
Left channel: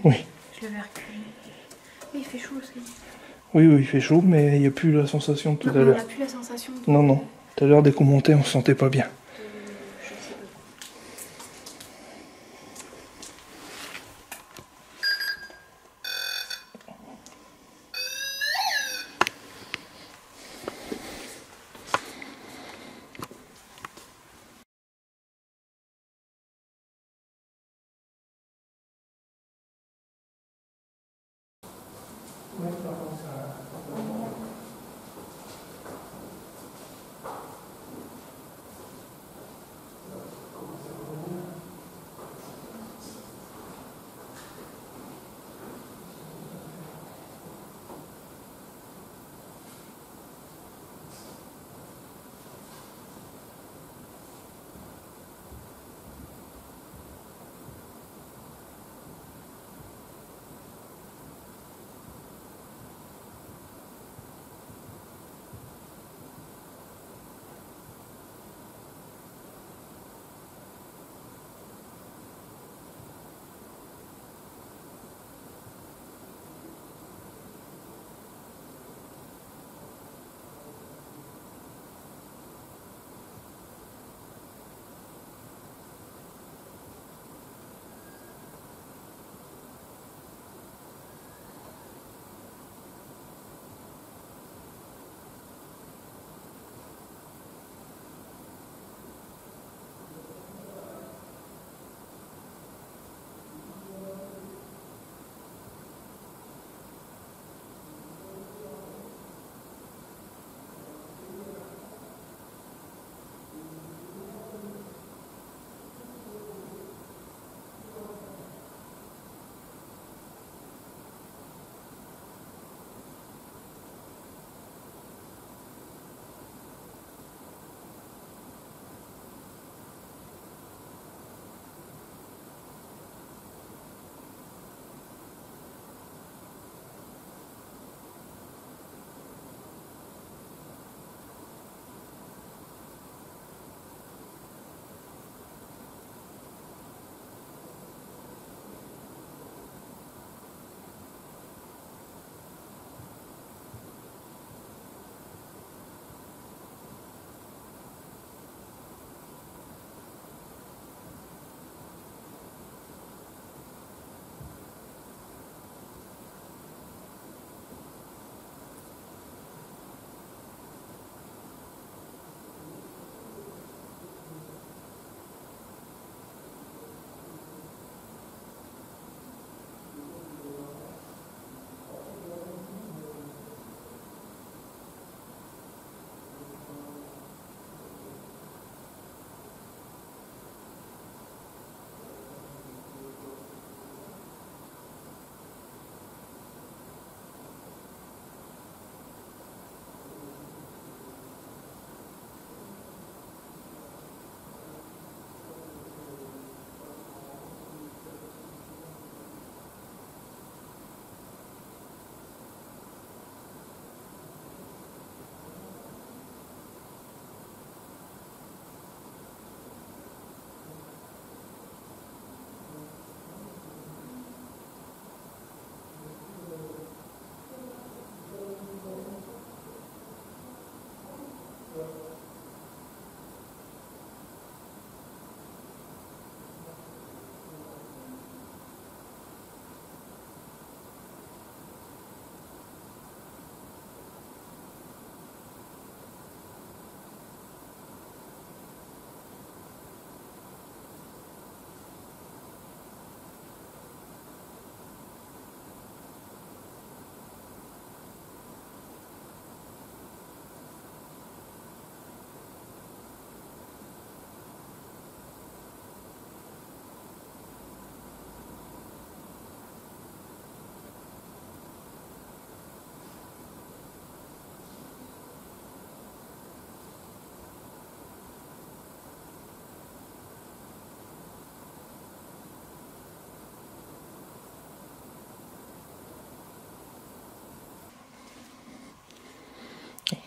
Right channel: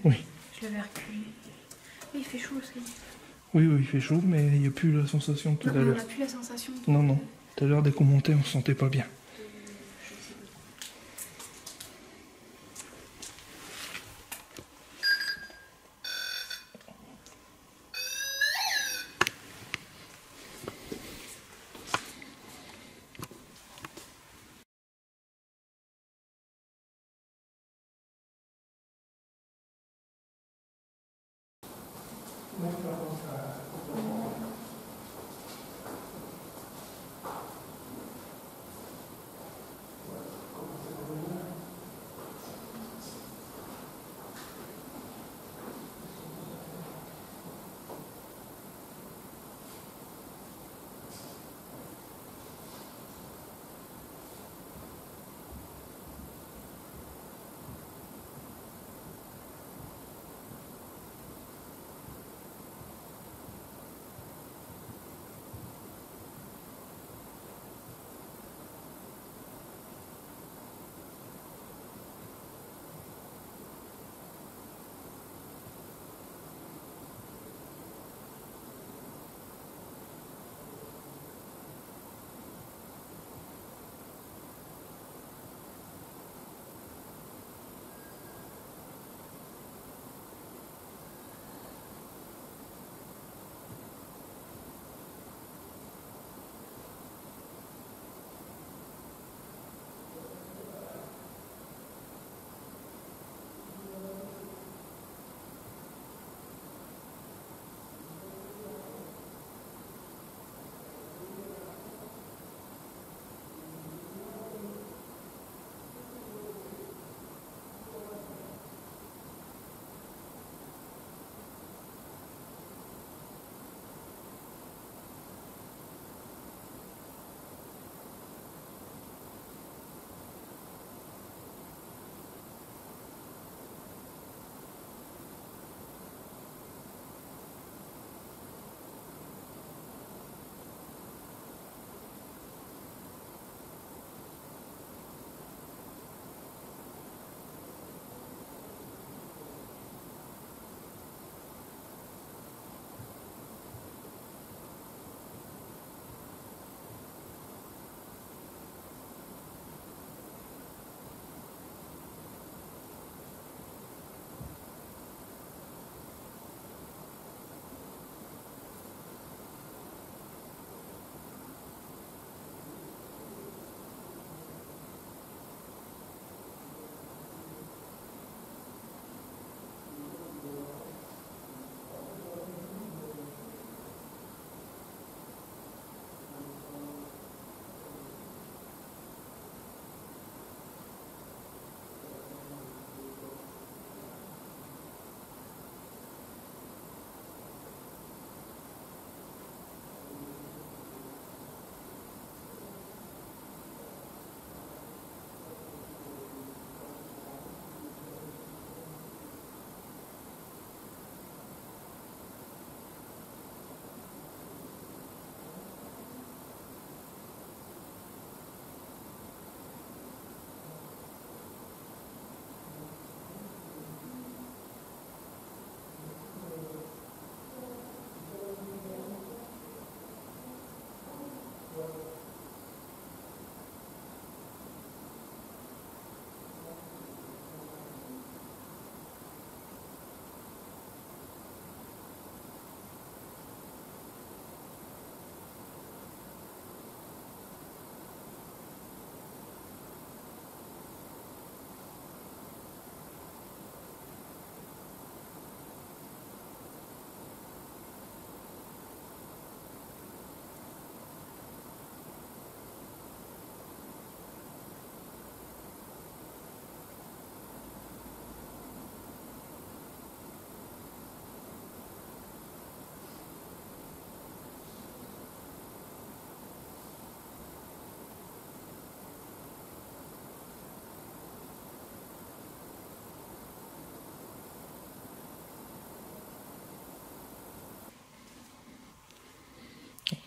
Oui. Je l'avais reculé. Oui, il fait chaud aussi. Oui, il fait chaud, mais il n'y a plus la sensation de tout à On l'heure. n'a plus la sensation de. Non. Tout à l'heure, dès qu'on montait, on se sentait pas bien. Je sais pas.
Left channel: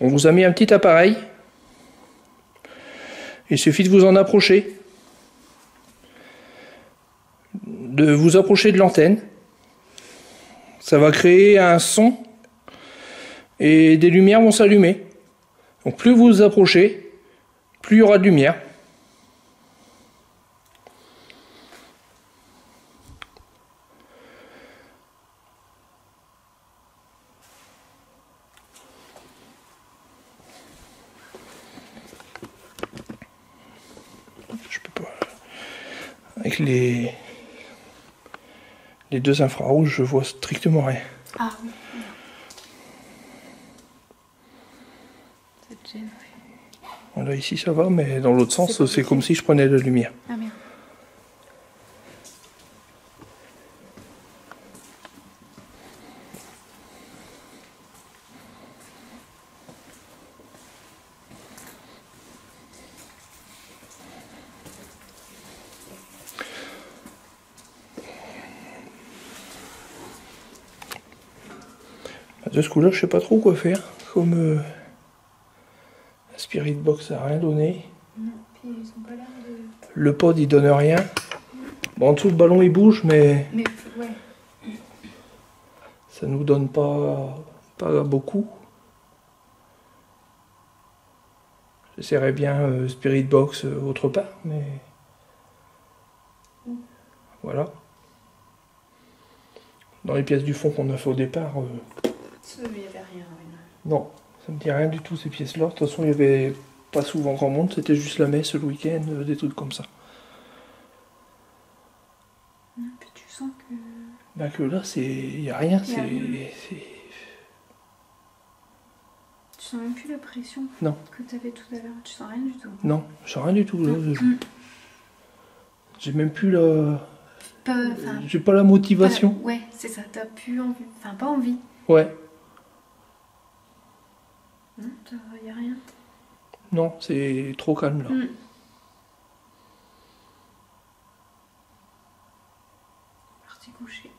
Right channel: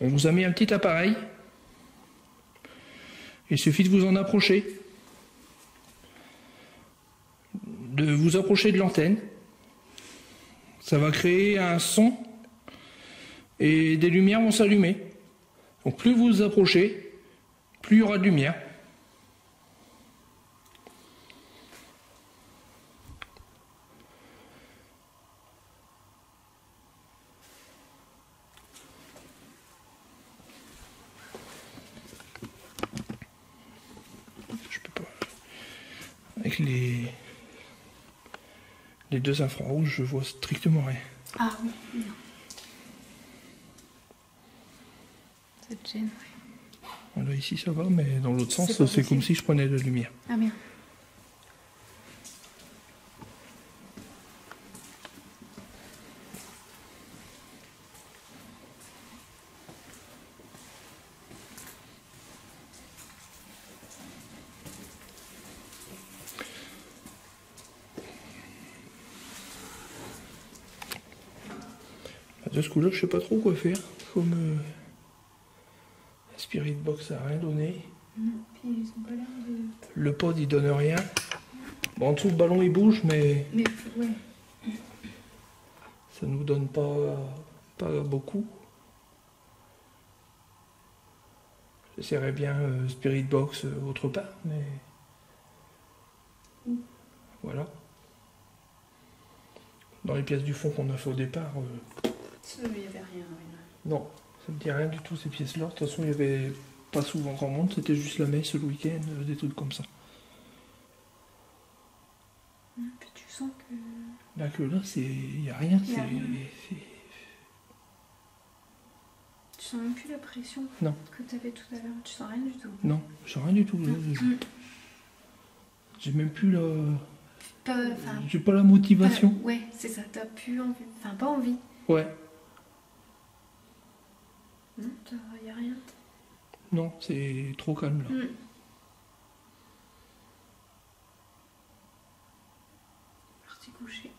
On vous a mis un petit appareil. Il suffit de vous en approcher. De vous approcher de l'antenne. Ça va créer un son et des lumières vont s'allumer. Donc plus vous vous approchez, plus il y aura de lumière. Je peux pas. Avec les deux infrarouges, je vois strictement rien. Ah oui, non. Ça te gêne, oui. Voilà, ici ça va, mais dans l'autre sens, pas c'est possible. comme si je prenais de la lumière. Ah merde. De ce coup-là, je sais pas trop quoi faire. Comme la Spirit Box a rien donné. Non, puis ils ont pas l'air de... Le pod il donne rien. Bon, en dessous le ballon il bouge, mais Mais ouais. ça nous donne pas beaucoup. J'essaierais bien Spirit Box autre part, mais voilà. Dans les pièces du fond qu'on a fait au départ, Il n'y avait rien, oui. non, ça me dit rien du tout ces pièces-là. De toute façon, il y avait pas souvent grand monde, c'était juste la messe le week-end, des trucs comme ça. Puis tu sens que... Là que là, il y a rien, Y a rien. c'est- Tu sens même plus la pression Non. que tu avais tout à l'heure. Tu sens rien du tout. Non, je sens rien du tout. Là. J'ai même plus la... Enfin, J'ai pas la motivation. ouais, c'est ça. T'as plus envie. Enfin, pas envie. Ouais. Non, y a rien. Non, c'est trop calme là. Parti coucher.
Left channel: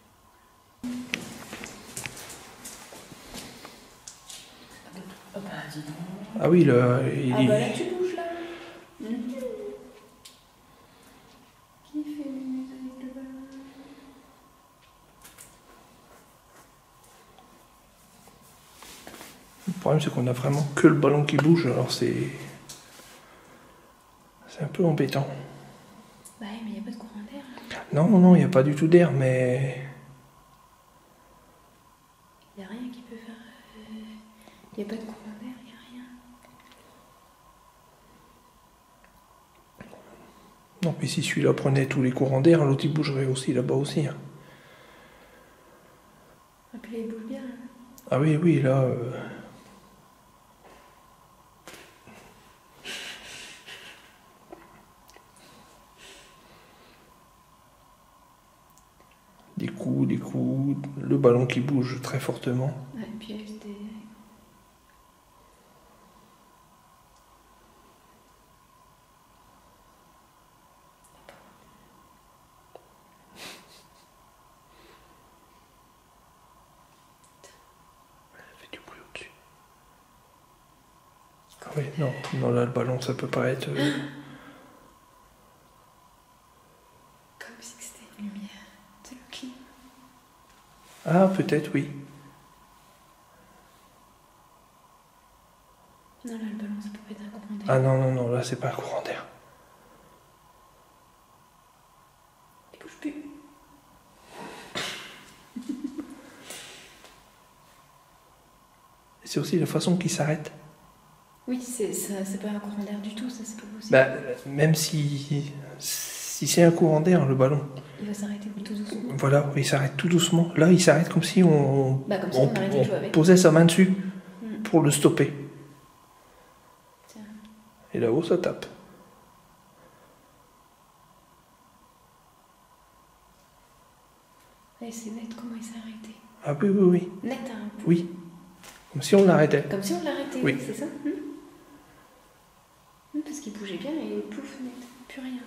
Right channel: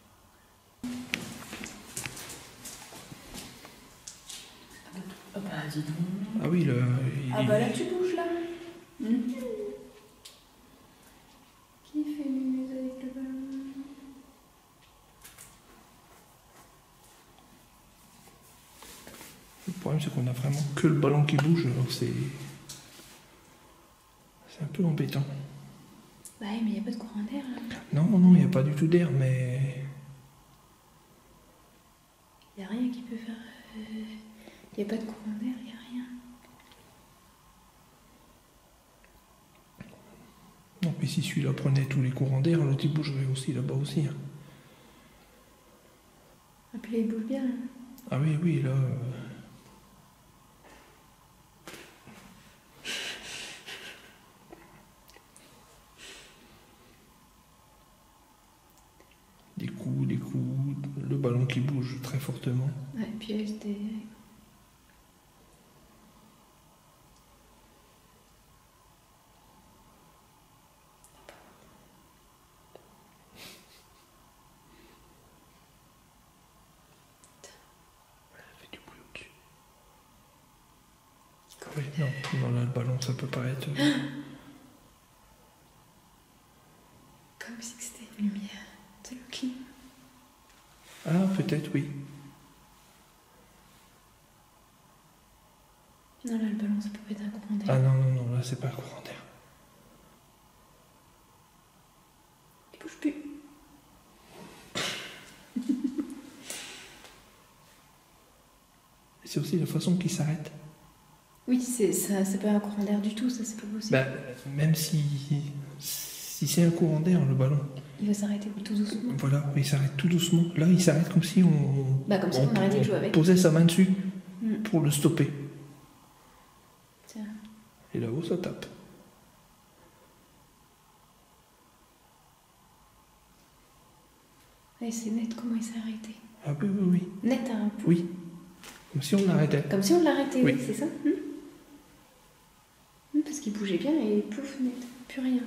Ah bah dis donc. Ah oui, là, Ah bah là tu bouges là. Qui fait mumuse avec le ballon? Le problème c'est qu'on a vraiment que le ballon qui bouge, alors c'est un peu embêtant. Bah mais il n'y a pas de courant d'air là. Non, non, il n'y a pas du tout d'air, mais... Il n'y a rien qui peut faire... Il n'y a pas de courant d'air, il n'y a rien. Non, mais si celui-là prenait tous les courants d'air, l'autre il bougerait aussi là-bas aussi. Hein. Et puis là, il bouge bien. Hein. Ah oui, oui, là... Des coups, le ballon qui bouge très fortement. Ouais, et puis avec des... Ça fait du bruit au-dessus. Ah oui, non, non, là le ballon ça peut pas être... Comme si c'était une lumière. C'est le clim. Ah, peut-être, oui. Non, là, le ballon, ça peut pas être un courant d'air. Ah non, non, non, là c'est pas un courant d'air. Il bouge plus. C'est aussi la façon qu'il s'arrête. Oui, c'est pas un courant d'air du tout, ça, c'est pas possible. Bah, même si c'est un courant d'air, le ballon, Il va s'arrêter tout doucement. voilà, il s'arrête tout doucement. Là, il s'arrête comme si on, Bah, comme si on arrêtait de jouer avec. posait sa main dessus Mm. pour le stopper. Tiens. Et là-haut, ça tape. Ouais, c'est net comment il s'est arrêté. Ah oui, oui, oui. Net, hein. Oui. Comme si on l'arrêtait. Comme si on l'arrêtait, Oui. oui, c'est ça. Parce qu'il bougeait bien et pouf, net. Plus rien.